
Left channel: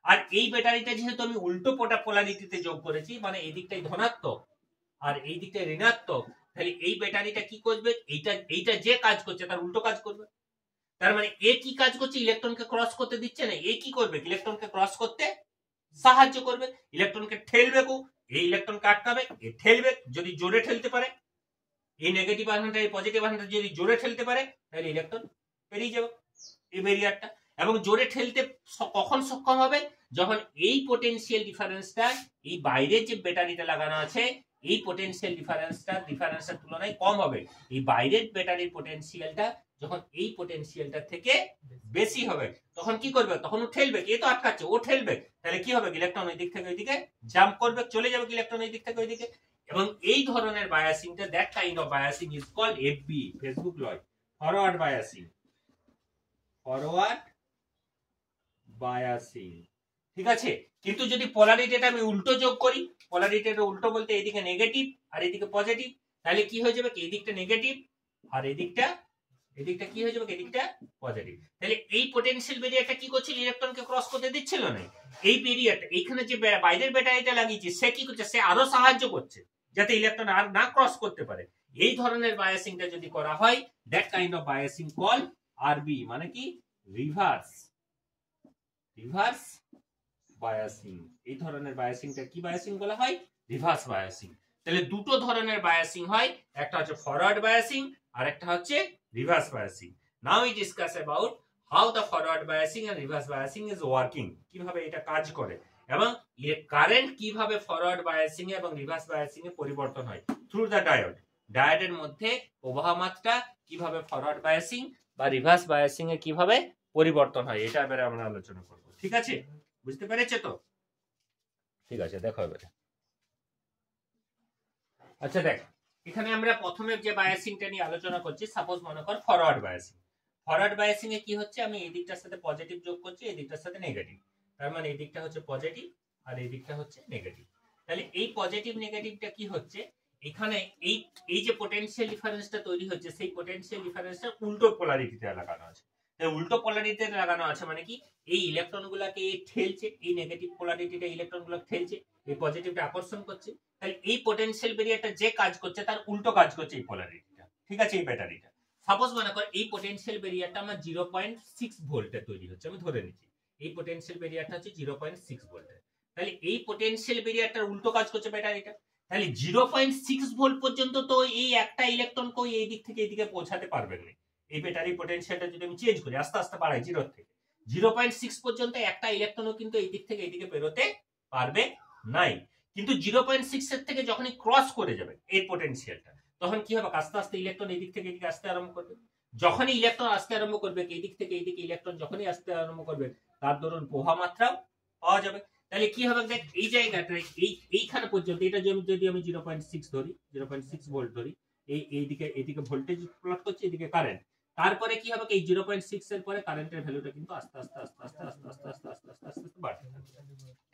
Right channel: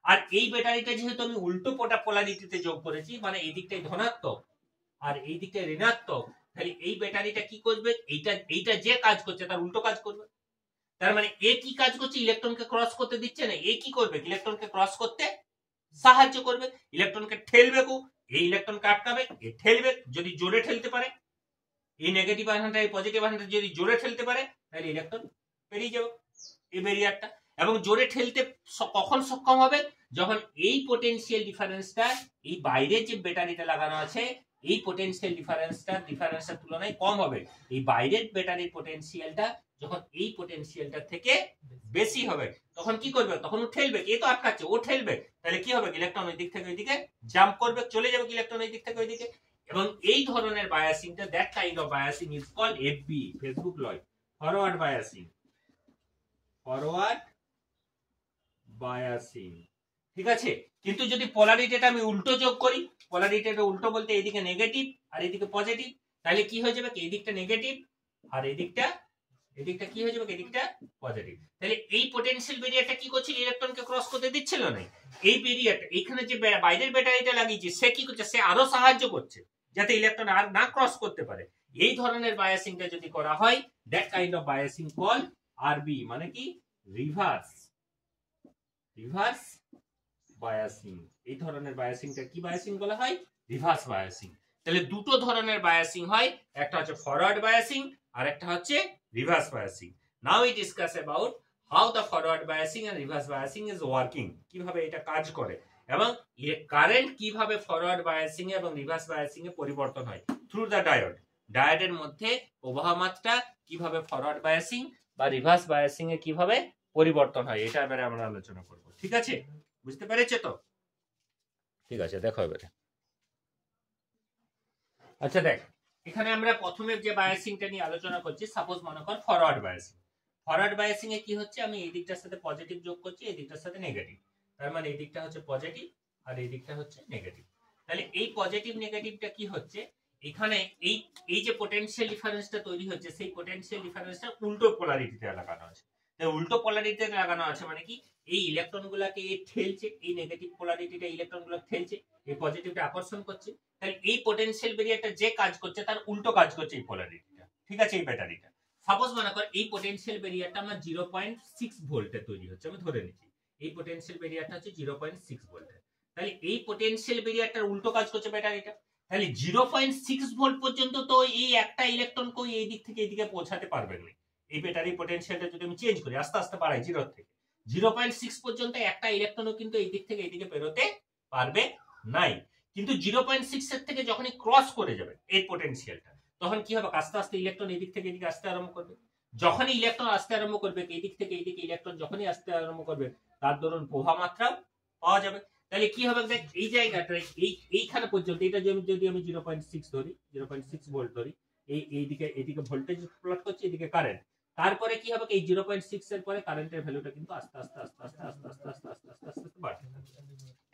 আর এই ব্যাটারিটা যেহেতু আমি উল্টো পোলারিটিতে যোগ করেছি, মানে এই দিকটাই ধনাত্মক আর এই দিকটাই ঋণাত্মক, তাহলে এই ব্যাটারিটা কি করবে, এইটা যে কাজ করছে তার উল্টো কাজ করবে। তার মানে এ কি কাজ করছে, ইলেকট্রনকে ক্রস করতে দিচ্ছে না, এ কি করবে, ইলেকট্রনকে ক্রস করতে সাহায্য করবে, ইলেকট্রনকে ঠেলবে এই ইলেকট্রনকে আটকাবে, এ ঠেলবে, যদি জোরে ঠেলতে পারে, এই নেগেটিভ আধানটা এই পজিটিভ আধানটা যদি জোরে ঠেলতে পারে তাহলে ইলেকট্রন বেরিয়ে যাবে এই ব্যারিয়ারটা। এবং জোরে ঠেলতে কখন সক্ষম হবে? যখন এই পোটেনশিয়াল ডিফারেন্সটা এই বাইরের যে ব্যাটারিটা লাগানো আছে এই পোটেনশিয়াল ডিফারেন্সের তুলনায় কম হবে। এই বাইরের ব্যাটারির পোটেনশিয়ালটা যখন এই পোটেনশিয়ালটা থেকে বেশি হবে তখন কি করবে? তখন ও ঠেলবে, এ তো আটকাচ্ছে, ও ঠেলবে, তাহলে কি হবে? ইলেকট্রন ওই দিক থেকে ওইদিকে জাম্প করবে, চলে যাবে ইলেকট্রন ওই দিক থেকে ওইদিকে। এবং এই ধরনের বায়াসিংটা, that kind of biasing is called FB, Facebook লয়, ফরওয়ার্ড বায়াসিং। ফরওয়ার্ড বায়াসিং, ঠিক আছে। কিন্তু যদি পোলারিটিটা আমি উল্টো যোগ করি, পোলারিটিটা উল্টো বলতে এইদিকে নেগেটিভ আর এইদিকে পজিটিভ, তাহলে কি হয়ে যাবে? এই দিকটা নেগেটিভ আর এই দিকটা কি হয়ে যাবে? এই দিকটা পজিটিভ। তাহলে এই পোটেনশিয়াল ব্যারিয়ারটা কি করছিল? ইলেকট্রনকে ক্রস করতে দিচ্ছিল না। এই ব্যারিয়ারটা এইখানে যে বাইরের ব্যাটারিটা লাগিয়েছে সে কি করছে? সে আরো সাহায্য করছে যাতে ইলেকট্রন আর না ক্রস করতে পারে। এই ধরনের বায়াসিংটা যদি করা হয়, that kind of biasing call RB, মানে কি? Reverse biasing. এই ধরনের বায়াসিংটা কি বায়াসিং বলা হয়? Reverse biasing. তাহলে দুটো ধরনের বায়াসিং হয়, একটা হচ্ছে ফরওয়ার্ড বায়াসিং আর একটা হচ্ছে reverse biasing. Now we discuss about how the forward biasing and reverse biasing is working, কিভাবে এটা কাজ করে এবং কারেন্ট কিভাবে ফরওয়ার্ড বায়াসিং এবং রিভার্স বায়াসিং এ পরিবর্তন হয় থ্রু দ্য ডায়োড। ডায়োডের মধ্যে প্রবাহ মাত্রা কিভাবে ফরওয়ার্ড বায়াসিং বা রিভার্স বায়াসিং এ কিভাবে পরিবর্তন হয়, এটা এবারে আমরা আলোচনা করব। ঠিক আছে, বুঝতে পেরেছো তো? ঠিক আছে, দেখো এবারে। আচ্ছা দেখ, এখানে আমরা প্রথমে যে বায়াসিংটা নিয়ে আলোচনা করছি, সাপোজ মনে কর ফরওয়ার্ড বায়াসিং। ফরওয়ার্ড বায়াসিং এ কি হচ্ছে? আমি এই দিকটার সাথে পজিটিভ যোগ করছি, এই দিকটার সাথে নেগেটিভ, তার মানে এই দিকটা হচ্ছে পজিটিভ আর এই দিকটা হচ্ছে নেগেটিভ। তাহলে এই পজিটিভ নেগেটিভটা কি হচ্ছে? এখানে এই যে পোটেনশিয়াল ডিফারেন্সটা তৈরি হচ্ছে সেই পোটেনশিয়াল ডিফারেন্সটা উল্টো পোলারিটিতে লাগানো আছে। উল্টো পোলারিটিতে লাগানো আছে মানে কি? এই ইলেকট্রনগুলোকে ঠেলছে, এই নেগেটিভ পোলারিটিটা ইলেকট্রনগুলো ঠেলছে, এই পজিটিভটা আকর্ষণ করছে। তাহলে এই পোটেনশিয়াল ব্যারিয়ারটা যে কাজ করছে তার উল্টো কাজ করছে এই পোলারিটিটা, ঠিক আছে, এই ব্যাটারিটা। সাপোজ মনে কর এই পোটেনশিয়াল ব্যারিয়ারটা আমার 0.6 ভোল্টে তৈরি হচ্ছে, আমি ধরে নিচ্ছি এই পোটেনশিয়াল ব্যারিয়ারটা হচ্ছে 0.6 ভোল্টের। তাহলে এই পোটেনশিয়াল ব্যারিয়ারটার উল্টো কাজ করছে ব্যাটারিটা। তাহলে 0.6 ভোল্ট পর্যন্ত তো এই একটা ইলেকট্রনকে এই দিক থেকে এইদিকে পৌঁছাতে পারবে না। এই ব্যাটারি পোটেনশিয়ালটা যদি আমি চেঞ্জ করি, আস্তে আস্তে বাড়াই 0 থেকে 0.6 পর্যন্ত, একটা ইলেকট্রনও কিন্তু এই দিক থেকে এইদিকে বেরোতে পারবে নাই। কিন্তু 0.6 এর থেকে যখনই ক্রস করে যাবে এই পোটেনশিয়ালটা, তখন কি হবে? আস্তে আস্তে ইলেকট্রন এই দিক থেকে এদিকে আসতে আরম্ভ করবে। যখনই ইলেকট্রন আসতে আরম্ভ করবে, এই দিক থেকে এইদিকে ইলেকট্রন যখনই আসতে আরম্ভ করবে, তার দরুন প্রবাহ মাত্রা পাওয়া যাবে। তাহলে কি হবে? দেখ, এই জায়গাটা এইখানে পর্যন্ত, এটা যদি আমি 0.6 ধরি, 0.6 ভোল্ট ধরি, এইদিকে ভোল্টেজ প্লট করছে, এদিকে কারেন্ট। তারপরে কি হবে? এই 0.6 এর পরে কারেন্টের ভ্যালুটা কিন্তু আস্তে আস্তে আস্তে আস্তে আস্তে আস্তে আস্তে আস্তে আস্তে আস্তে আস্তে বাড়তে থাকবে।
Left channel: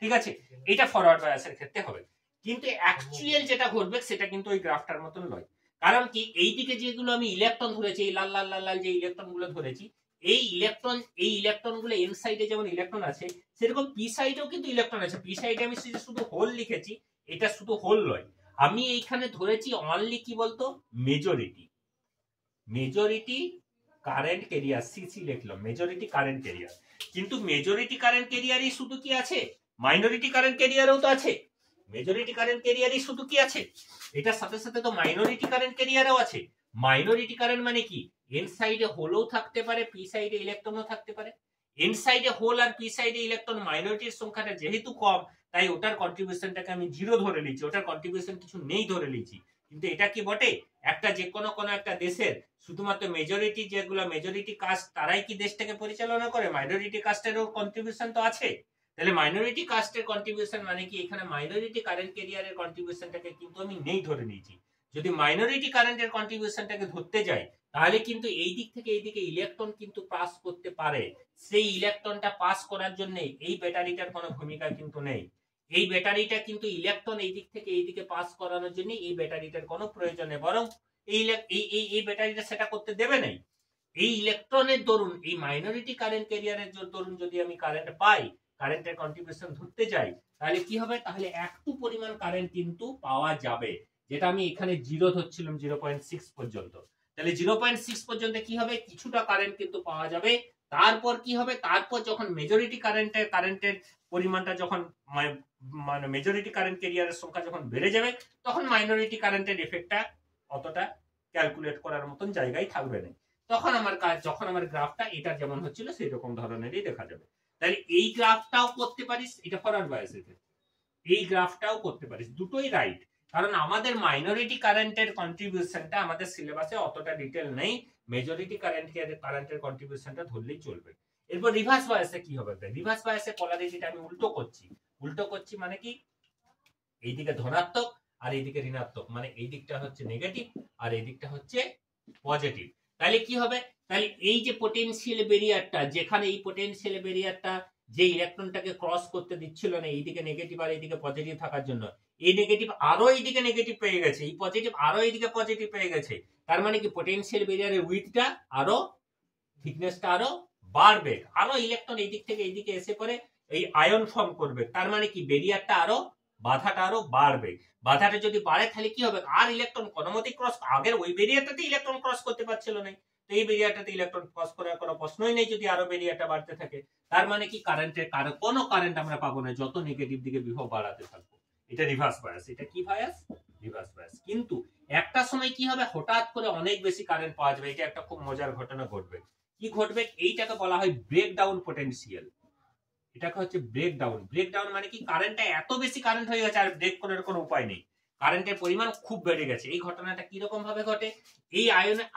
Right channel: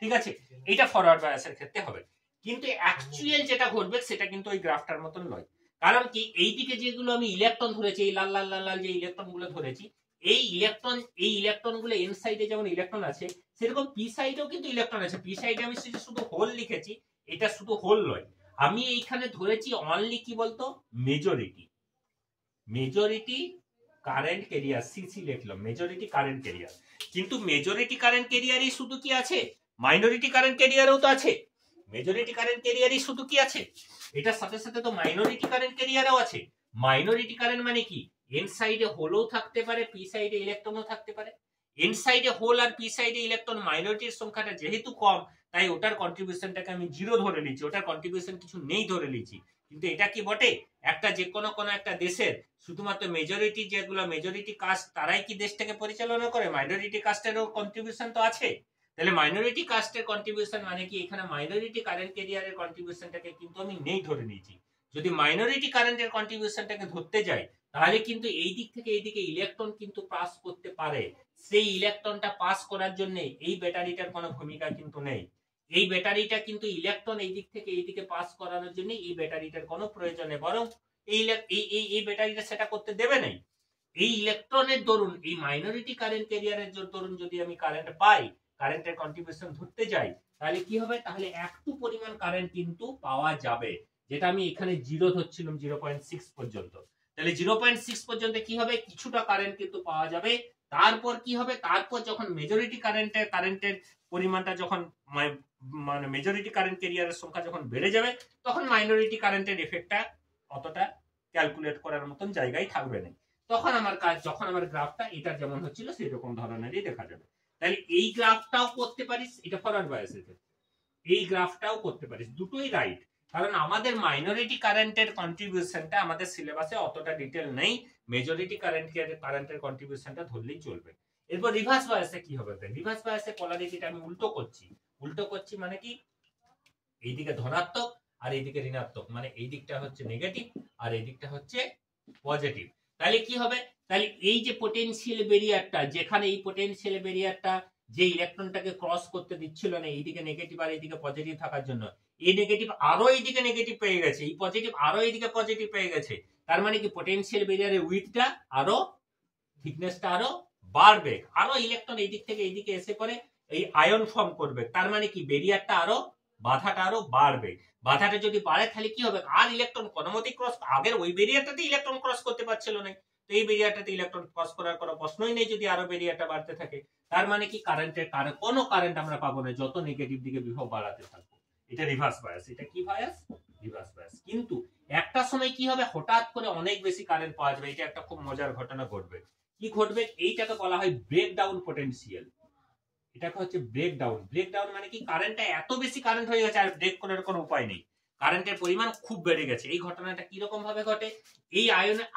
ঠিক আছে, এটা ফরওয়ার্ড বায়াসের ক্ষেত্রে হবে। কিন্তু অ্যাকচুয়াল যেটা ঘটবে সেটা কিন্তু ওই গ্রাফটার মতন নয়। কারণ কি? এইদিকে যেগুলো আমি ইলেকট্রন ধরেছি, এই লাল লাল লাল লাল যে ইলেকট্রন গুলো ধরেছি, এই ইলেকট্রন গুলো এন সাইডে যেমন ইলেকট্রন আছে, সেরকম পি সাইডেও কিন্তু ইলেকট্রন আছে। পি সাইডে আমি শুধু হোল লিখেছি, এটা শুধু হোল নয়, আমি এইখানে ধরেছি অনলি কি বলতো? মেজরিটি কারেন্ট ক্যারিয়ার, সিসি লিখলাম, মেজরিটি কারেন্ট ক্যারিয়ার। কিন্তু মেজরিটি কারেন্ট ক্যারিয়ারই শুধু কি আছে? মাইনরিটি কারেন্ট ক্যারিয়ারও তো আছে। মেজরিটি কারেন্ট ক্যারিয়ারই শুধু কি আছে? এটার সাথে সাথে তো মাইনরিটি কারেন্ট ক্যারিয়ারও আছে। মাইনরিটি কারেন্ট মানে কি? এন সাইডে হোলও থাকতে পারে, পি সাইডে ইলেকট্রনও থাকতে পারে। এন সাইডে হোল আর পি সাইডে ইলেকট্রন, মাইনরিটির সংখ্যাটা যেহেতু কম, তাই ওটার কন্ট্রিবিউশনটাকে আমি 0 ধরে নিচ্ছি, ওটার কন্ট্রিবিউশন কিছু নেই ধরে নিচ্ছি। কিন্তু এটা কি বটে? একটা যে কোনো একটা দেশের শুধুমাত্র মেজরিটি, যেগুলো মেজরিটি কাস্ট, তারাই কি দেশটাকে পরিচালনা করে? মাইনরিটি কাস্টেরও কন্ট্রিবিউশন তো আছে। তাহলে মাইনরিটি কাস্টের কন্ট্রিবিউশন মানে কি? এখানে মাইনরিটি কারেন্ট ক্যারিয়ারের কন্ট্রিবিউশনটাকে কিন্তু আমি নেই ধরে নিয়েছি। যদি মাইনরিটি কারেন্টের কন্ট্রিবিউশনটাকে ধরতে যাই, তাহলে কিন্তু এই দিক থেকে এইদিকে ইলেকট্রন কিন্তু পাস করতে পারে। সেই ইলেকট্রনটা পাস করার জন্য এই ব্যাটারিটার কোনো ভূমিকা কিন্তু নেই। এই ব্যাটারিটা কিন্তু ইলেকট্রন এই দিক থেকে এইদিকে পাস করানোর জন্য এই ব্যাটারিটার কোনো প্রয়োজন নেই, বরং এই ব্যাটারিটা সেটা করতে দেবে নাই। এই ইলেকট্রনের দরুন, এই মাইনরিটি কারেন্ট ক্যারিয়ারের দরুন যদি আমি কারেন্ট পাই, কারেন্টের কন্ট্রিবিউশন ধরতে যাই, তাহলে কি হবে? তাহলে একটু পরিমাণ কারেন্ট কিন্তু পাওয়া যাবে, যেটা আমি এখানে 0 ধরছিলাম 0.6 পর্যন্ত। তাহলে 0.6 পর্যন্ত কি হবে? কিছুটা কারেন্ট কিন্তু পাওয়া যাবে। তারপর কি হবে, তারপর যখন মেজরিটি কারেন্টের পরিমাণটা যখন মানে মেজরিটি কারেন্ট ক্যারিয়ারের সংখ্যা যখন বেড়ে যাবে, তখন মাইনরিটি কারেন্টের এফেক্টটা অতটা ক্যালকুলেট করার মতন জায়গায় থাকবে না। তখন আমার কাজ, যখন আমার গ্রাফটা এটা যেমন হচ্ছিল সেই রকম ধরনেরই দেখা যাবে। তাহলে এই গ্রাফটাও করতে পারিস, এটা ফরওয়ার্ড বায়াসের ক্ষেত্রে এই গ্রাফটাও করতে পারিস, দুটোই রাইট। কারণ আমাদের মাইনরিটি কারেন্টের কন্ট্রিবিউশনটা আমাদের সিলেবাসে অতটা ডিটেল নেই, মেজরিটি কারেন্টের কন্ট্রিবিউশনটা ধরলেই চলবে। এরপর রিভার্স বায়াসে কি হবে, রিভার্স বায়াসে পোলারিটিটা আমি উল্টো করছি মানে কি, এইদিকে ধনাত্মক আর এইদিকে ঋণাত্মক, মানে এই দিকটা হচ্ছে নেগেটিভ আর এই দিকটা হচ্ছে পজিটিভ। তাহলে কি হবে, তাহলে এই যে পোটেনশিয়াল ব্যারিয়ারটা, যেখানে এই পোটেনশিয়াল ব্যারিয়ারটা যে ইলেকট্রনটাকে ক্রস করতে দিচ্ছিল না, এইদিকে নেগেটিভ আর এইদিকে পজিটিভ থাকার জন্য, এই নেগেটিভ আরো এইদিকে নেগেটিভ পেয়ে গেছে, এই পজিটিভ আরো এইদিকে পজিটিভ পেয়ে গেছে। তার মানে কি পোটেনশিয়াল ব্যারিয়ারের উইডথটা আরো, থিকনেসটা আরো বাড়বে, আরো ইলেকট্রন এই দিক থেকে এইদিকে এসে পরে এই আয়ন ফর্ম করবে। তার মানে কি বেরিয়ারটা আরো, বাধাটা আরো বাড়বে। বাধাটা যদি বাড়ে তাহলে কি হবে, আর ইলেকট্রন কোনো মতে ক্রস, আগের ওই বেরিয়ারটাতে ইলেকট্রন ক্রস করতে পারছিল না, তো এই বেরিয়ারটাতে ইলেকট্রন ক্রস করার কোনো প্রশ্নই নেই যদি আরো বেরিয়ারটা বাড়তে থাকে। তার মানে কি কারেন্টের কোনো কারেন্ট আমরা পাবো না যত নেগেটিভ দিকে বিভব বাড়াতে থাকবো। এটা রিভার্স বায়াস। এটা কি বায়াস, রিভার্স বায়াস। কিন্তু একটা সময় কি হবে, হঠাৎ করে অনেক বেশি কারেন্ট পাওয়া যাবে, এটা একটা খুব মজার ঘটনা ঘটবে। কি ঘটবে, এইটাকে বলা হয় ব্রেকডাউন পোটেনশিয়াল। এটাকে হচ্ছে ব্রেকডাউন। ব্রেকডাউন মানে কি, কারেন্টটা এত বেশি কারেন্ট হয়ে গেছে আর ব্রেক করার কোনো উপায় নেই, কারেন্টের পরিমাণ খুব বেড়ে গেছে। এই ঘটনাটা কি রকম ভাবে ঘটে, এই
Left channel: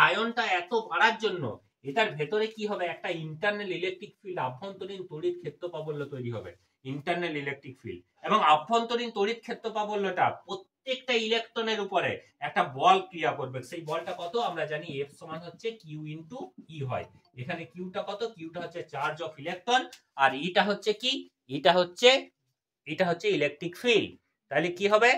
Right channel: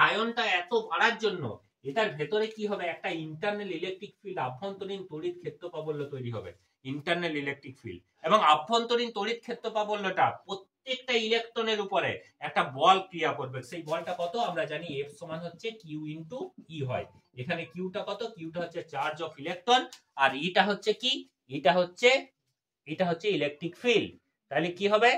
আয়নটা এত বাড়ার জন্য এটার ভেতরে কি হবে, একটা ইন্টারনাল ইলেকট্রিক ফিল্ড, আভ্যন্তরীণ তড়িৎ ক্ষেত্র প্রাবল্য তৈরি হবে, ইন্টারনাল ইলেকট্রিক ফিল্ড। এবং আভ্যন্তরীণ তড়িৎ ক্ষেত্র প্রাবল্যটা প্রত্যেকটা ইলেকট্রনের উপরে একটা বল ক্রিয়া করবে। সেই বলটা কত আমরা জানি, এফ সমান হচ্ছে কিউ ইন্টু ই হয়। এখানে কিউটা কত, কিউটা হচ্ছে চার্জ অফ ইলেকট্রন, আর ইটা হচ্ছে কি, এটা হচ্ছে ইলেকট্রিক ফিল্ড। তাহলে কি হবে,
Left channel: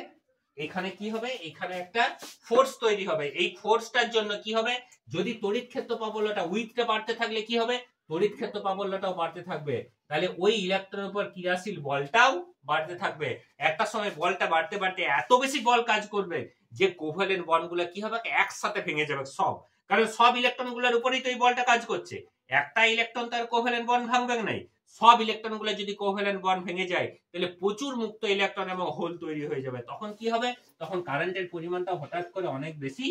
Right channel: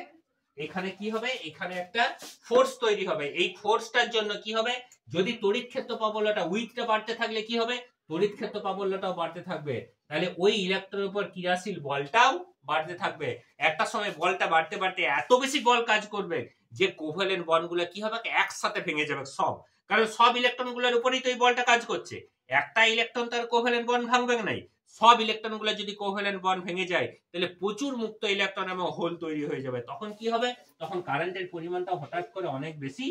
এখানে কি হবে, এখানে একটা ফোর্স তৈরি হবে। এই ফোর্সটার জন্য কি হবে, যদি তড়িৎ ক্ষেত্র প্রাবল্যটা, উইথটা বাড়তে থাকলে কি হবে, তড়িৎ ক্ষেত্র প্রাবল্যটাও বাড়তে থাকবে। তাহলে ওই ইলেকট্রনের উপর ক্রিয়াশীল বলটাও বাড়তে থাকবে। একটা সময় বলটা বাড়তে বাড়তে এত বেশি বল কাজ করবে যে কোভ্যালেন্ট বন্ডগুলো কি হবে, একসাথে ভেঙে যাবে সব। কারণ সব ইলেকট্রনগুলোর উপরেই তো এই বলটা কাজ করছে, একটা ইলেকট্রন তার কোভ্যালেন্ট বন্ড ভাঙবে নাই। সব ইলেকট্রনগুলো যদি কোভ্যালেন্ট বন্ড ভেঙে যায় তাহলে প্রচুর মুক্ত ইলেকট্রন এবং হোল তৈরি হয়ে যাবে। তখন কি হবে, তখন কারেন্টের পরিমাণটা হঠাৎ করে অনেক বেশি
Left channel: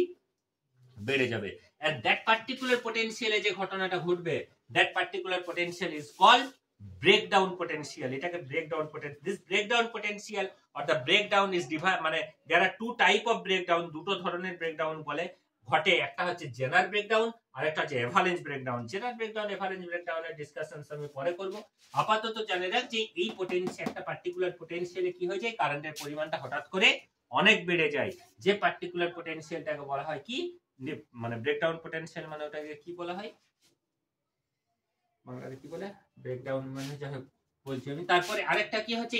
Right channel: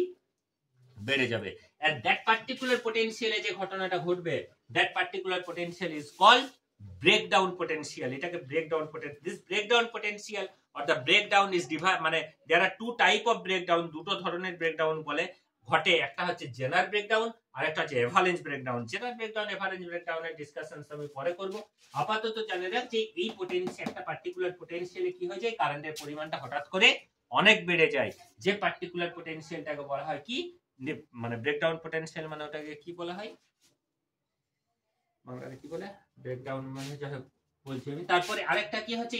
বেড়ে যাবে। এট দ্যাট পার্টিকুলার পোটেনশিয়ালে যে ঘটনাটা ঘটবে, that particular potential is called breakdown potential. এটাকে breakdown potential, this breakdown potential or the breakdown is divide, মানে there are two type of breakdown, দুটো ধরনের ব্রেকডাউন বলে ঘটে। একটা হচ্ছে জেনার ব্রেকডাউন আর একটা হচ্ছে এভারেজ ব্রেকডাউন। জেনার ব্রেকডাউন, এভারেজ ব্রেকডাউনের ডিসকাশন আমি পরে করব। আপাতত জানে রাখ যে এই পোটেনশিয়াল, একটা পার্টিকুলার পোটেনশিয়ালে কি হয়ে যায়, কারেন্টের পরিমাণটা হঠাৎ করে অনেক বেড়ে যায়। যে পার্টিকুলার পোটেনশিয়ালটাকে বলা হয় কি, মানে ব্রেকডাউন পোটেনশিয়াল, মানে ওটাকে কি বলা হয় বাংলাতে, কি বলে, ব্রেকডাউন মানে যাই হোক বলছি আমি। তারপরে আরেকটা কি হচ্ছে,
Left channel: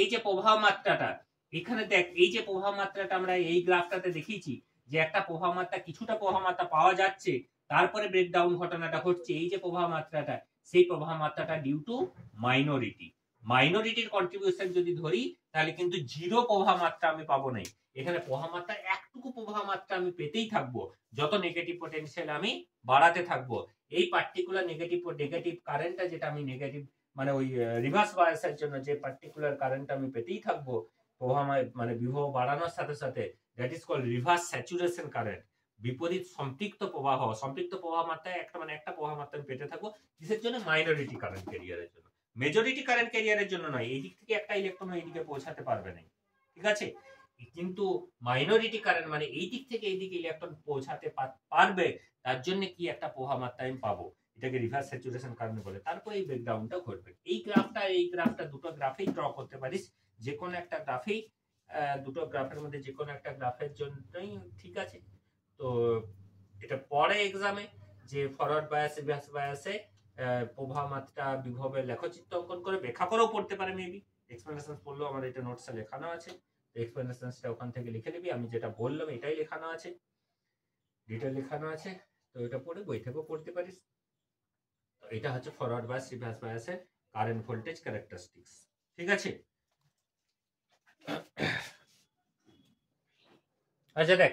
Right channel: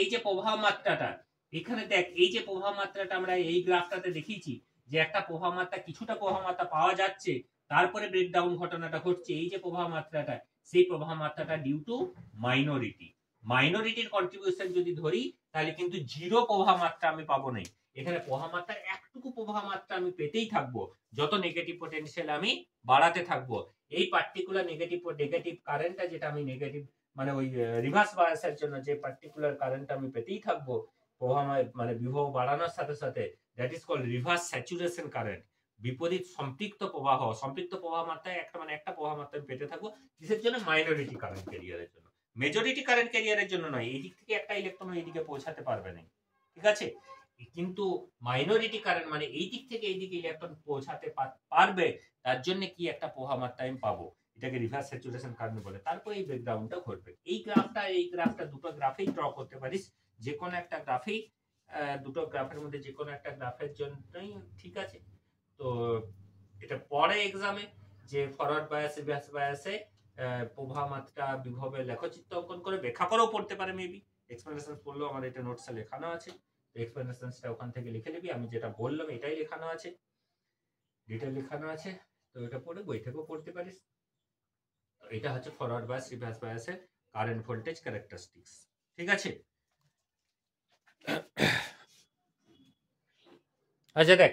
এই যে প্রবাহ মাত্রাটা, এখানে দেখ এই যে প্রবাহ মাত্রাটা আমরা এই গ্রাফটাতে দেখিয়েছি, যে একটা প্রবাহ মাত্রা, কিছুটা প্রবাহ মাত্রা পাওয়া যাচ্ছে, তারপরে ব্রেকডাউন ঘটনাটা ঘটছে। এই যে প্রবাহ মাত্রাটা, সেই প্রবাহ মাত্রাটা ডিউ টু মাইনরিটির কন্ট্রিবিউশন যদি ধরি, তাহলে কিন্তু জিরো প্রবাহ মাত্রা আমি পাবো না। এখানে প্রবাহ মাত্রা, একটুকু প্রবাহ মাত্রা আমি পেতেই থাকবো যত নেগেটিভ পোটেনশিয়াল আমি বাড়াতে থাকবো। এই পার্টিকুলার নেগেটিভ কারেন্টটা, যেটা আমি নেগেটিভ মানে ওই রিভার্স বায়াসের জন্য যে পার্টিকুলার কারেন্ট আমি পেতেই থাকবো প্রবাহ, মানে বিভব বাড়ানোর সাথে সাথে, that is called reverse saturation current, বিপরীত সম্পৃক্ত প্রবাহ মাত্রায় একটা প্রবাহ মাত্রা আমি পেতে থাকবো। কিসের জন্য, মাইনরিটি কারেন্ট ক্যারিয়ারের জন্য, মেজরিটি কারেন্ট ক্যারিয়ারের জন্য নয়। এই দিক থেকে একটা ইলেকট্রন এইদিকে পৌঁছাতে পারবে না, ঠিক আছে। কিন্তু মাইনরিটি কারেন্ট মানে এই দিক থেকে এই দিকে ইলেকট্রন পৌঁছাতে পারবে, তার জন্য কি একটা প্রবাহ মাত্রা আমি পাবো, এটাকে রিভার্স স্যাচুরেশন কারেন্ট বলে। তারপর এই ব্রেকডাউনটা ঘটবে। এই গ্রাফটা দুটো গ্রাফেই ড্র করতে পারিস, যে কোনো একটা গ্রাফেই, দুটো গ্রাফের মধ্যে যে কোনো একটা গ্রাফের জন্যই ঠিক আছে। তো এটা পরে এক্সামে যে ফরওয়ার্ড বায়াস রিভার্স বায়াসে প্রবাহ মাত্রা বিভবের লেখচিত্র অঙ্কন করে ব্যাখ্যা করেও পড়তে পারে, মেবি এক্সপ্লেনেশন পড়লেও আমার এটা নোটসে লেখানো আছে, এক্সপ্লেনেশনটা ওখান থেকে লিখে নিবি। আমি যেটা বললাম এটাই লেখানো আছে, ডিটেল লেখানো আছে, তো এটা পড়ে বই থেকেও পড়তে পারিস। তো এটা হচ্ছে ফরওয়ার্ড বায়াস রিভার্স বায়াসের কারেন্ট ভোল্টেজ ক্যারেক্টারিস্টিক্স, ঠিক আছে। আচ্ছা দেখ,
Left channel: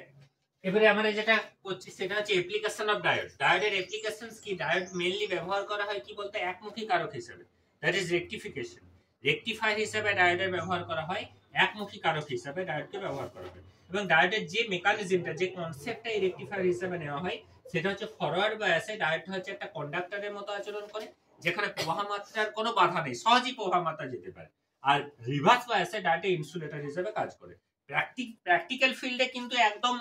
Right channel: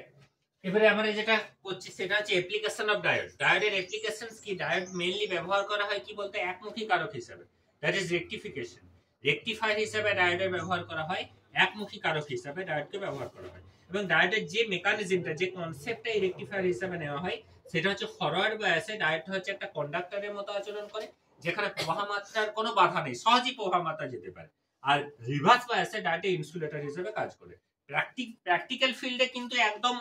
এবারে আমরা যেটা করছি সেটা হচ্ছে অ্যাপ্লিকেশন অফ ডায়োড। ডায়োডের অ্যাপ্লিকেশনস কি? ডায়োড মেইনলি ব্যবহার করা হয় কি বলতে একমুখী কারক হিসেবে, দ্যাট ইজ রেকটিফিকেশন। রেকটিফায়ার হিসেবে ডায়োডের ব্যবহার করা হয়, একমুখী কারক হিসেবে ডায়োডকে ব্যবহার করা হয়। এবং ডায়োডের যে মেকানিজমটা, যে কনসেপ্টটা এই রেকটিফায়ার হিসেবে নেওয়া হয় সেটা হচ্ছে ফরওয়ার্ড বায়াসে ডায়োড হচ্ছে একটা কন্ডাক্টরের মতো আচরণ করে, যেখানে প্রবাহ মাত্রার কোনো বাধা নেই, সহজেই প্রবাহ মাত্রা যেতে পারে। আর রিভার্স বায়াসে ডায়োড ইনসুলেটর হিসেবে কাজ করে। প্র্যাকটিক্যাল ফিল্ডে কিন্তু একদম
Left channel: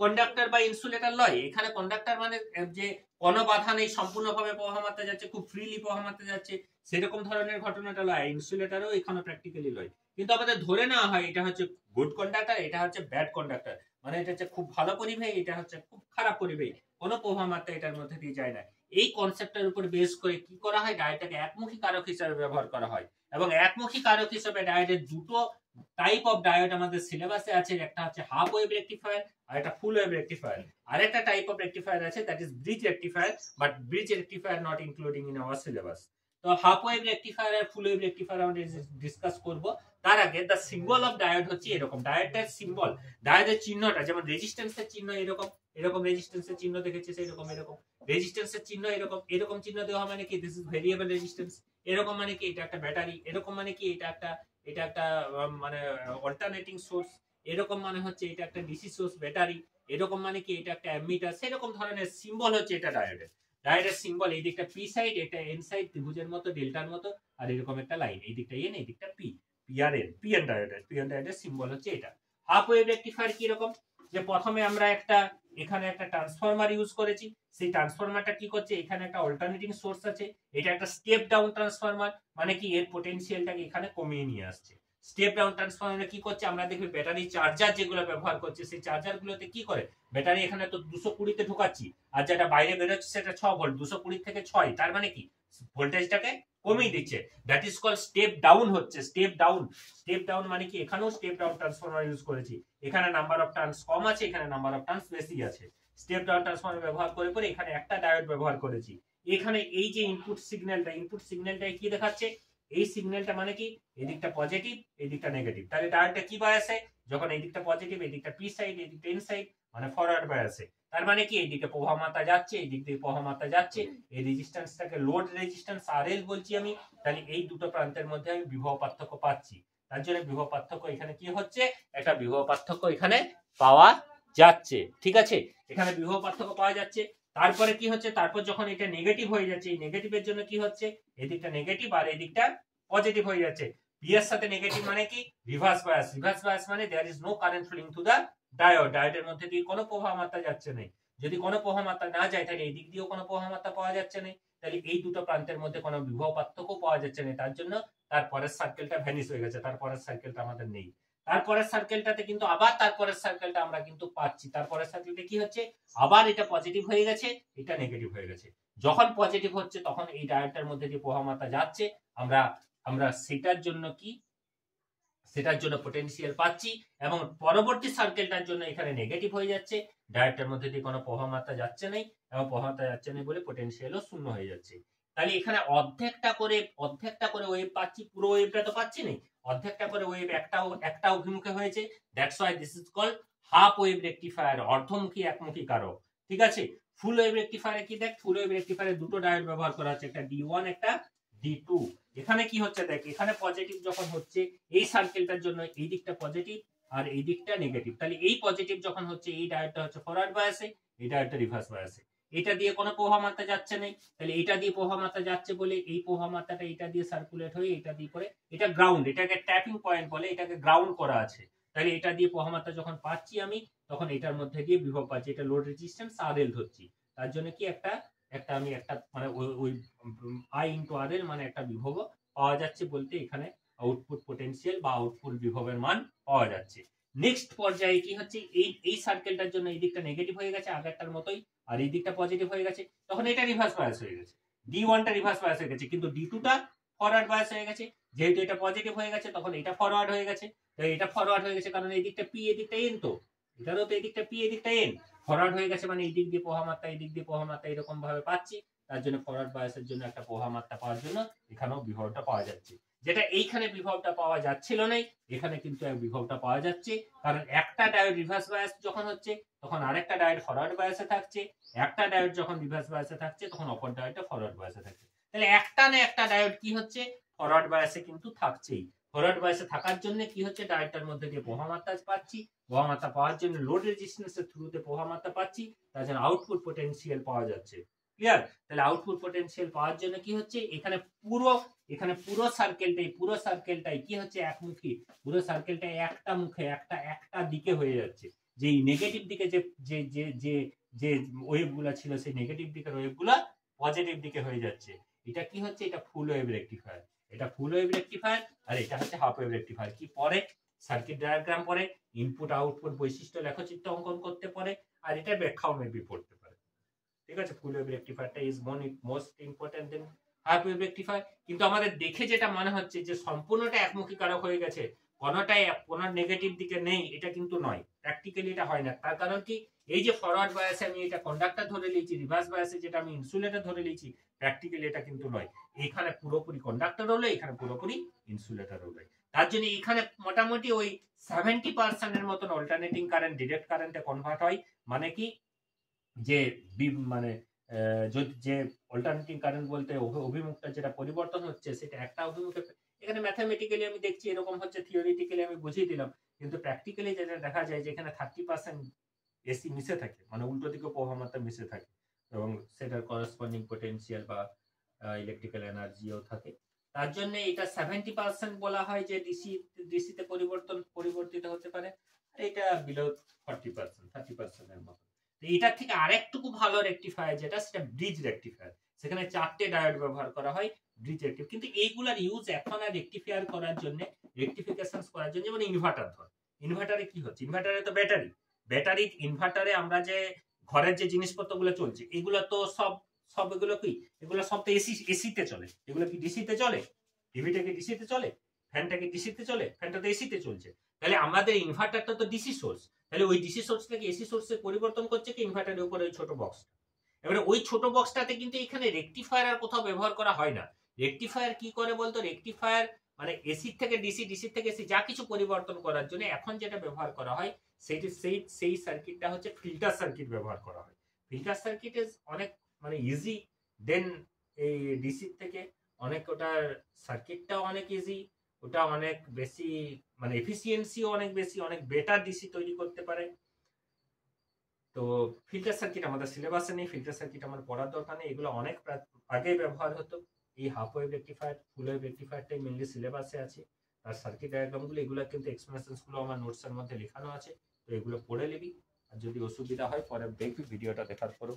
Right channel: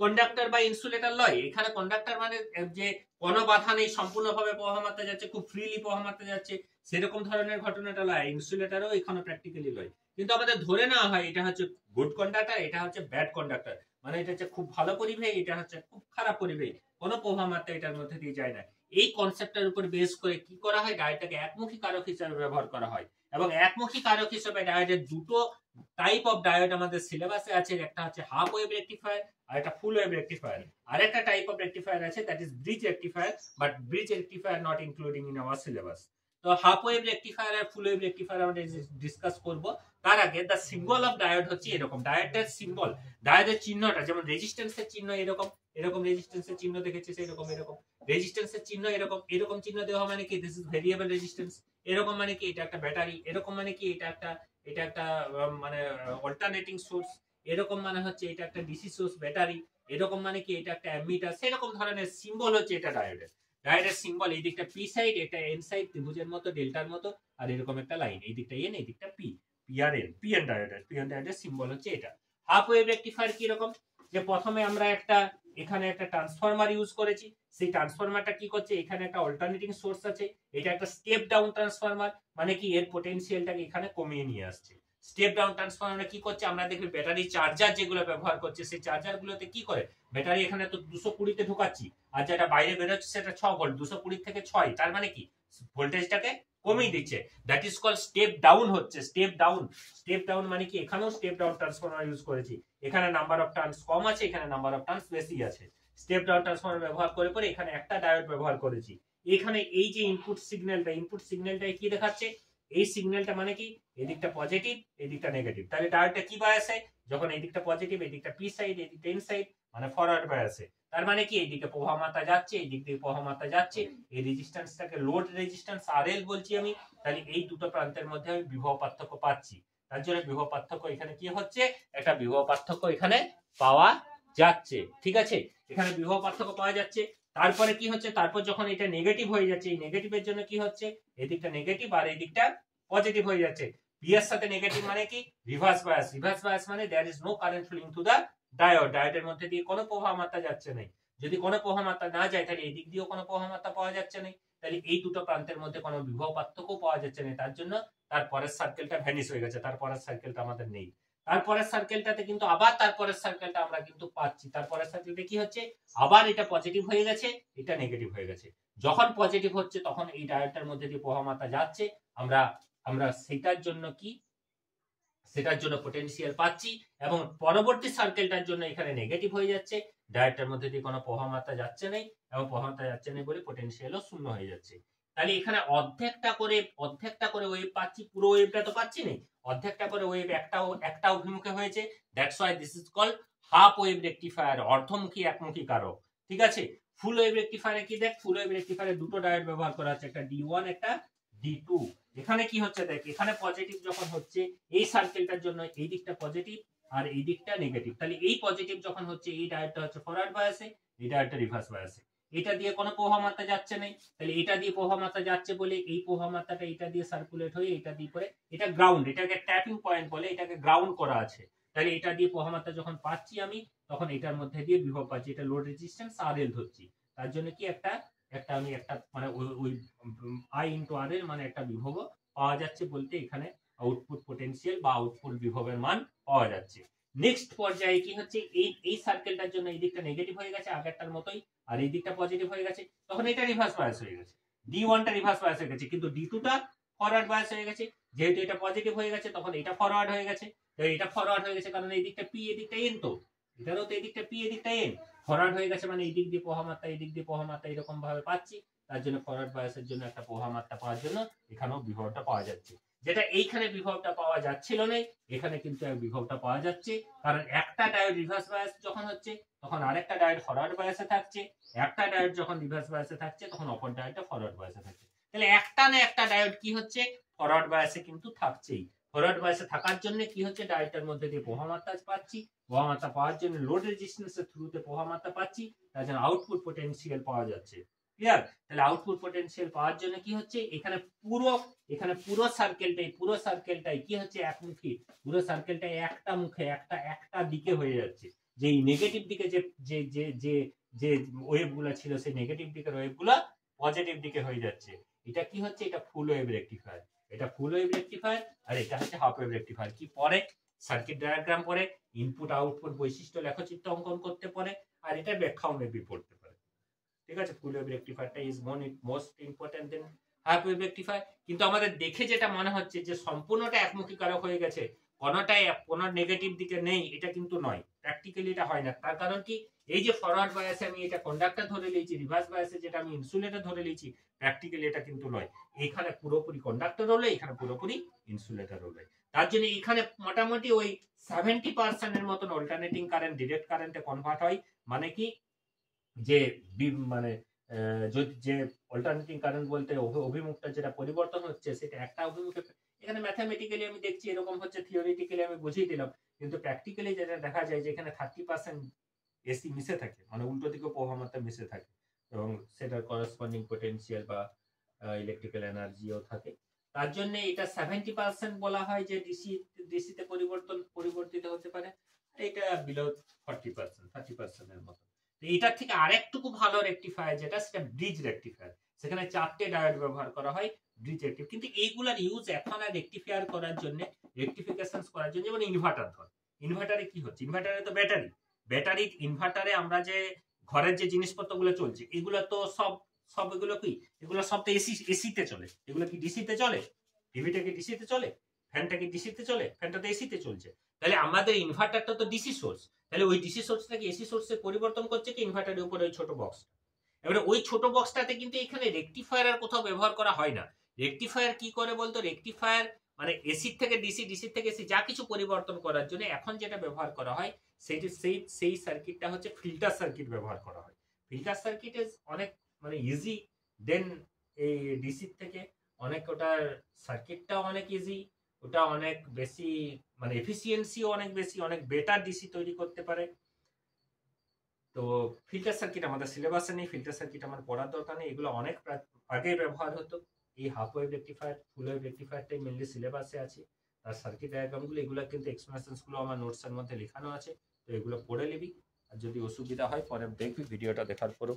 কন্ডাক্টর বা ইনসুলেটর লয়। এখানে কন্ডাক্টর মানে যে কোনো বাধা নেই, সম্পূর্ণভাবে প্রবাহ মাত্রা যাচ্ছে, খুব ফ্রিলি প্রবাহ মাত্রা যাচ্ছে, সেরকম ধরনের ঘটনাটা লয়। ইনসুলেটরও এখানে প্র্যাকটিক্যালি লয়। কিন্তু আমাদের ধরে নেওয়া হয় এটা হচ্ছে গুড কন্ডাক্টর, এটা হচ্ছে ব্যাড কন্ডাক্টর, মানে এটা হচ্ছে খুব ভালো পরিবেশ, এটা হচ্ছে খুব খারাপ পরিবেশ, কোনো প্রবাহ মাত্রা এটার মধ্যে দিয়ে যায় না। এই কনসেপ্টের উপর বেস করে কি করা হয়, ডায়োডটাকে একমুখী কারক হিসেবে ব্যবহার করা হয়। এবং একমুখী কারক হিসেবে ডায়োডের দুটো টাইপ অফ ডায়োড আমাদের সিলেবাসে আছে, একটা হচ্ছে হাফ ওয়েভ রেকটিফায়ার আর একটা ফুল ওয়েভ রেকটিফায়ার। আরেকটা টাইপ অফ রেকটিফায়ার আছে, that is bridge rectifier, but bridge rectifier not including in our syllabus. তো হাফ ওয়েভ রেকটিফায়ার আর ফুল ওয়েভ রেকটিফায়ার আমরা ডিসকাস করব। তার আগে দ্য সিম্বল অফ ডায়োড হচ্ছে এরকম। ডায়োডের সিম্বল, ডায়োডের চিহ্নটা যেমন রেজিস্ট্যান্সের চিহ্ন এরকম, এরকম রেজিস্ট্যান্সের চিহ্ন দেখেছিস এরকম, এরকম রেজিস্ট্যান্সের চিহ্ন এরকম, এরকম চিহ্ন দেওয়া মানে কি দিস ইজ ভেরিয়েবল রেজিস্ট্যান্স, এরকম মানে কি এটা একটা ব্যাটারি, এরকম মানে কি এটা একটা মানে অল্টারনেটিং সোর্স, এরকম মানে হচ্ছে এটা একটা ডিসি সোর্স ব্যাটারি, এরকম মানে কি এটা একটা অ্যামিটার, সেরকম ধরনের সিম্বল হচ্ছে এটা ডায়োডের। ডায়োডের সিম্বল এই দিকটা পি সাইড, এটা এন সাইড, ত্রিভুজের মতো, ডেল্টার মতো, আর এরকম একটা লাইন, এই দিকটা এন, এই দিকটা P, P R N, P N ডায়োডের symbol হচ্ছে এটা। হাফ ওয়েভ রেকটিফায়ার কি রকম, যে প্রথমে আমরা একটা এখানে একটা ট্রান্সফরমার ইউজ করেছি, সেই ট্রান্সফরমারটা কি করছে, এখানে একটা অল্টারনেটিং সোর্স আছে, এটা একটা স্টেপ ডাউন ট্রান্সফরমার, মানে কি এর পোটেনশিয়ালটাকে এখানে কমিয়ে নিয়ে আসছে। স্টেপ ডাউন ট্রান্সফরমার কি করছে, আমরা দেখি ব্যাটারি চার্জার যেগুলো ব্যবহার করছে, সেই চার্জার গুলোতে কি করে, ব্যাটারি এখানে তো 220 ঢোকাচ্ছি, আর যেটা বাইরে বেরোচ্ছে সেটা 6 ভোল্ট, 220 থেকে 6, তার মানে কি ভোল্টেজটাকে কমিয়ে দিচ্ছে, that is call step down হচ্ছে, স্টেপ ডাউন। স্টেপ ডাউন মানে কি, এখানেও স্টেপ ডাউন ট্রান্সফরমার ইউজ করেছি, এখানে নাম্বার অফ টার্নস কম আছে, এখানে নাম্বার অফ টার্নস বেশি আছে। স্টেপ ডাউন ট্রান্সফরমার ব্যবহার করে এখানে একটা ডায়োড ব্যবহার করেছি। এখানে এই যে ইনপুট সিগন্যালটা কি দেখাচ্ছে, এই সিগন্যালটা মানে কি এদিকটা পজিটিভ এদিকটা নেগেটিভ, তাহলে ডায়োডটা কি বায়াসে, যখন এদিকটা পজিটিভ এদিকটা পি সাইড এদিকটা এন সাইড, মানে ফরওয়ার্ড বায়াসে। তার মানে কি এইদিকে প্রবাহ মাত্রা যাচ্ছে, এই দিক দিয়ে প্রবাহ মাত্রা যাচ্ছে, এই রেজিস্ট্যান্সটাকে লোড রেজিস্ট্যান্স আরএল বলছি আমি, তাহলে এই দুটো প্রান্তের মধ্যে আমি বিভব পার্থক্য পাচ্ছি। তার জন্য বিভব পার্থক্য এখানে কি হচ্ছে, একটা বিভব পার্থক্য এখানে পাওয়া যাচ্ছে, ঠিক আছে, এখানে বিভব পার্থক্য পাওয়া যাচ্ছে। তারপরে কি হচ্ছে, তারপর যখন এটা নেগেটিভ হয়ে যাচ্ছে, এই নেগেটিভের জন্য কি হচ্ছে, এদিকটা নেগেটিভ আর এদিকটা পজিটিভ হয়ে যাচ্ছে। পি এর সাথে নেগেটিভ মানে কি রিভার্স বায়াস, রিভার্স বায়াস মানে there is no current flowing through the diode, ডায়োডের মধ্যে দিয়ে কোনো প্রবাহ মাত্রা যাচ্ছে না। যদি কোনো প্রবাহ মাত্রা না যায় তাহলে এই দিক দিয়েও কোনো প্রবাহ মাত্রা পাওয়া যাচ্ছে না, তাহলে এই দুটো প্রান্তের মধ্যে কোনো বিভব পার্থক্য পাওয়া যাচ্ছে না, তার জন্য তারপরের সার্কেলটা ভ্যানিশ হয়ে গেছে, তারপরের সার্কেলটা আমাদের নেই। তারপরের সার্কেলটাতে কিন্তু আবার তারপরের সার্কেলটা আমরা কিন্তু পাচ্ছি, তারপরের সার্কেলটা কি হচ্ছে, আবার এটা পজিটিভ হয়ে গেছে, এটা নেগেটিভ হয়ে গেছে। যখন পজিটিভ হচ্ছে তখন এই ডায়োডটার মধ্যে দিয়ে প্রবাহ মাত্রা যাচ্ছে, আমরা সেটার জন্য কি, সেটার জন্য পটেনশিয়াল পাচ্ছি, এবং পরবর্তী সার্কেলটার জন্য এখানে নেগেটিভ হয়ে যাচ্ছে, ডায়োডটার মধ্যে দিয়ে কোনো প্রবাহ মাত্রা যাচ্ছে না, এবং প্রবাহ মাত্রা যাচ্ছে না বলে পটেনশিয়ালও শূন্য হয়ে যাচ্ছে। তাহলে এখানে অর্ধেকটা করে ওয়েভ পাচ্ছি, পুরো ওয়েভটা তো পাচ্ছি না, অর্ধেকটা করে ওয়েভ একটা অভিমুখে হয়েছে, that's why this is called half wave rectifier, অর্ধমুখী একমুখী কারক, ঠিক আছে। ফুল ওয়েভ রেকটিফায়ারে কি দেখ, ফুল ওয়েভ রেকটিফায়ারে দুটো ডায়োড ব্যবহার করা হচ্ছে, একটা D1 একটা D2। এখানে কি হচ্ছে দেখ, এখানে পজিটিভ যখন হচ্ছে এই সার্কেলটার জন্য এই দিকটা পজিটিভ আর এই দিকটা নেগেটিভ, তাহলে এই পজিটিভ যখন হচ্ছে এই ডায়োডটা হচ্ছে ফরওয়ার্ড বায়াসে, এই ডায়োডটা রিভার্স বায়াসে, এটা দিয়ে কোনো প্রবাহ মাত্রা যাচ্ছে না, তাহলে এটা দিয়ে প্রবাহ মাত্রা যাচ্ছে বলে এই প্রবাহ মাত্রাটা এটা দিয়ে সার্কুলেট হয়ে এটা দিয়ে করে, এটা গ্রাউন্ড, এটাকে ট্যাপিং পয়েন্ট বলে, এটাকে গ্রাউন্ড করা আছে, তাহলে এটা দিয়ে প্রবাহ মাত্রা যখন পাচ্ছি আমি, তখন এটার মধ্যে দিয়ে বিভব পাচ্ছি, এটা লোড রেজিস্ট্যান্স আরএল ধরছি, তার জন্য কি আমি একটা মানে ওই আই ইনটু আরএল মানে একটা বিভব পাওয়া যাচ্ছে, বলতে এখানে আউটপুট পোটেনশিয়াল বা আউটপুট বিভবের মান পাওয়া যাচ্ছে। নেক্সট পর্যায়ে কি হচ্ছে, এই সার্কেলটার জন্য এই দিকটা নেগেটিভ হয়ে গেছে আগেরটার মতোই, আর এই দিকটা পজিটিভ হয়ে গেছে, তখন এটা রিভার্স বায়াস হয়ে গেছে, D1টা রিভার্স বায়াস হয়ে গেছে, কিন্তু D2টা ফরওয়ার্ড বায়াস হয়ে গেছে, যেহেতু এটা পজিটিভ হয়ে গেছে তখন এটা ফরওয়ার্ড হয়ে গেছে, তো এটা ফরওয়ার্ড হয়ে গেছে কারণ এই দিকটা পি এই দিকটা এন, তো এটারও তো এই দিকটা পি এই দিকটা এন, ফরওয়ার্ড হয়ে গেছে মানে এই দিক দিয়ে প্রবাহ মাত্রা এই দিক দিয়ে প্রবাহ মাত্রা এরকম ভাবে পাচ্ছি, তার জন্য ফরওয়ার্ড বায়াসের জন্য একটা প্রবাহ মাত্রা পাওয়ার জন্য এখানেও বিভবটা পাওয়া যাচ্ছে। যেটা এইখানে বিভবটা পাওয়া যাচ্ছিল না, এখানে কিন্তু এক বিভবটা পাওয়া যাচ্ছে, কারণ একটা ডায়োড রিভার্স বায়াস যখন হচ্ছে তখন আরেকটা ডায়োড ফরওয়ার্ড বায়াসে থাকছে, একটা ডায়োড যখন রিভার্স বায়াসে থাকছে তখন অপর ডায়োডটা ফরওয়ার্ড বায়াসে থাকছে। তাহলে একটা না একটা ডায়োড কি হচ্ছে, ফরওয়ার্ড বায়াসে কিন্তু থাকছেই। ফরওয়ার্ড বায়াসে থাকার জন্য কি হচ্ছে, ডায়োডটার মধ্যে দিয়ে প্রবাহমাত্রা পাচ্ছি, প্রবাহমাত্রা পাওয়ার জন্য লোড রেজিস্ট্যান্সের থ্রুতে প্রবাহমাত্রা পাচ্ছি, তার জন্য আউটপুট পটেনশিয়াল পাওয়া যাচ্ছে। ক্লিয়ার? তাহলে আউটপুট পটেনশিয়াল পাওয়ার জন্য কি হচ্ছে, এখানে পুরো সার্কেলটাই কি হচ্ছে, একমুখী। পুরো সার্কেলটাই একটা মুখে, একটা দিকে হয়ে যাচ্ছে। যে নেগেটিভ দিকে যে যে যে যে যে ওয়েভগুলো ছিল, সেই নেগেটিভ দিকের ওয়েভগুলো পজিটিভ দিকে হয়ে যাচ্ছে। এটা কি হচ্ছে, এটা ফুল ওয়েভ রেকটিফায়ার। এটা ফুল ওয়েভ রেকটিফায়ার, আর এটা হচ্ছে হাফ ওয়েভ রেকটিফায়ার। কি পরে সার্কিট ডায়াগ্রাম পরে, ইনপুট আউটপুট বৈশিষ্ট্য লেখচিত্র অঙ্কন করতে পারে, আর এটা ব্যাখ্যাও মেবি পড়তে পারে। ঠিক আছে, ফুল ওয়েভ রেকটিফায়ারটা is most important than half wave rectifier. কিন্তু আমাদের দেখে যেটা মনে হচ্ছে যে সম্পূর্ণটা একমুখী কারক হয়ে গেছে, কোনটাই কোনো নেগেটিভ দিকে নেই, এটা কিন্তু নয়। প্র্যাকটিক্যালি এটা হয় না। তার কারণ কি, এই যে ফরওয়ার্ড বায়াসে আমি এটা কন্ডাক্টর ধরে নিয়েছি, রিভার্স বায়াসে যেটা আমি ইনসুলেটর ধরে নিয়েছি, প্র্যাকটিক্যালি এটা কিন্তু নয়। এখানে পুরোপুরি কন্ডাক্টর হলো, এখানে পুরোপুরি ইনসুলেটর হলো। তার জন্য এখানে মোটামুটি ওই 70% এর মতন অল্টারনেটিং কারেন্ট ডিরেক্ট কারেন্টে কনভার্ট হয়। মানে কি, যে মানে যে অল্টারনেটিং কারেন্ট বলতে অভিমুখটা যেটা পরিবর্তন হচ্ছে, সেটা একটা অভিমুখে। এখানে ম্যাথামেটিক্যালি আমি দেখছি এরকম হচ্ছে, থিওরিটিক্যালি আমি বুঝিয়ে দিলাম, কিন্তু প্র্যাকটিক্যালি যেটা দেখা যায় যে এখানে 30% এসি মিশে থাকে, মানে উল্টো দিকে প্রবাহমাত্রা মিশে থাকে, এবং সেটার করসপন্ডিং পটেনশিয়াল বা ইলেকট্রিক্যাল এনার্জিও থাকে। তার জন্য এটা 70% বলা হয় যে ডিসিতে পরিবর্তিত হতে পারে, আর এটা বিলো 30% এর মতো। এটার থেকে আরেকটুকু ভালো রেকটিফায়ার যেটা, সেটা ব্রিজ রেকটিফায়ার। সেখানে 4টে ডায়োড ব্যবহার করা হয় ব্রিজ রেকটিফায়ার। কিন্তু এইগুলার ইউজ এখন আর রেকটিফায়ার করার জন্য, রেকটিফিকেশন করার জন্য, যেমন ইনভার্টার ধর, ইনভার্টারে কি হচ্ছে, ইনভার্টারে তো ব্যাটারি ইনভার্টারে আমরা যে ঘরের যে জিনিসপত্রগুলো চলছে, এগুলো তো সব এগুলো কি, এগুলো সব তো এসিতে চলে। এগুলো কি ডিসিতে চলে? টিভিটা কি ডিসিতে চলে? ফ্যানটা কি ডিসিতে চলে? ফ্যানটা তো এসিতে চলছে। তাহলে আমাদের ইনভার্টারটা তো ডিসি সোর্স, তাহলে ওই ডিসি সোর্সটাকে এসি সোর্সে পরিবর্তন করছে কি ইনভার্টারের উপরে ওই ছোট বক্স। এবারে ওই ছোট বক্সটাতে কিন্তু এখানে রেকটিফায়ার আর কোথাও ব্যবহার করা হয় না। রেকটিফায়ার কি করে বলতো, রেকটিফায়ার মানে এসি থেকে ডিসি, ডিসি থেকে এসি যা কিছু পরিবর্তন করার জন্য এখন যেটা ব্যবহার করা হয়, সেই সার্কিটটা হচ্ছে ফিল্টার সার্কিট ব্যবহার করা হয়। ফিল্টার সার্কিট ইজ অনেক মানে ইজি দেন এই ডিসি থেকে অনেক, ওটার সার্কিটটাও অনেক ইজি, ওটা অনেক বেশি মানে এফিসিয়েন্সিও অনেক বেশি, অনেক বেটার ডিসি তৈরি করতে পারে। তো ফিল্টার সার্কিট আমাদের সিলেবাসে নেই, ফিল্টার সার্কিট আমার পড়ার দরকার নেই, এগুলো অনেক আগে ব্যবহার হতো। এই half wave rectifier, full wave রেকটিফায়ারটাই মেনলি সিলেবাসে আছে। আর সার্কিট ডায়াগ্রামগুলো, এগুলো কিন্তু এক্সপ্লেনেশনসগুলো আমার নোটসের মধ্যে লেখানো আছে, তো এগুলো পড়ে নিবি। আর যদি অসুবিধা হয় পরে দেখবি, ভিডিওটা দেখার পরেও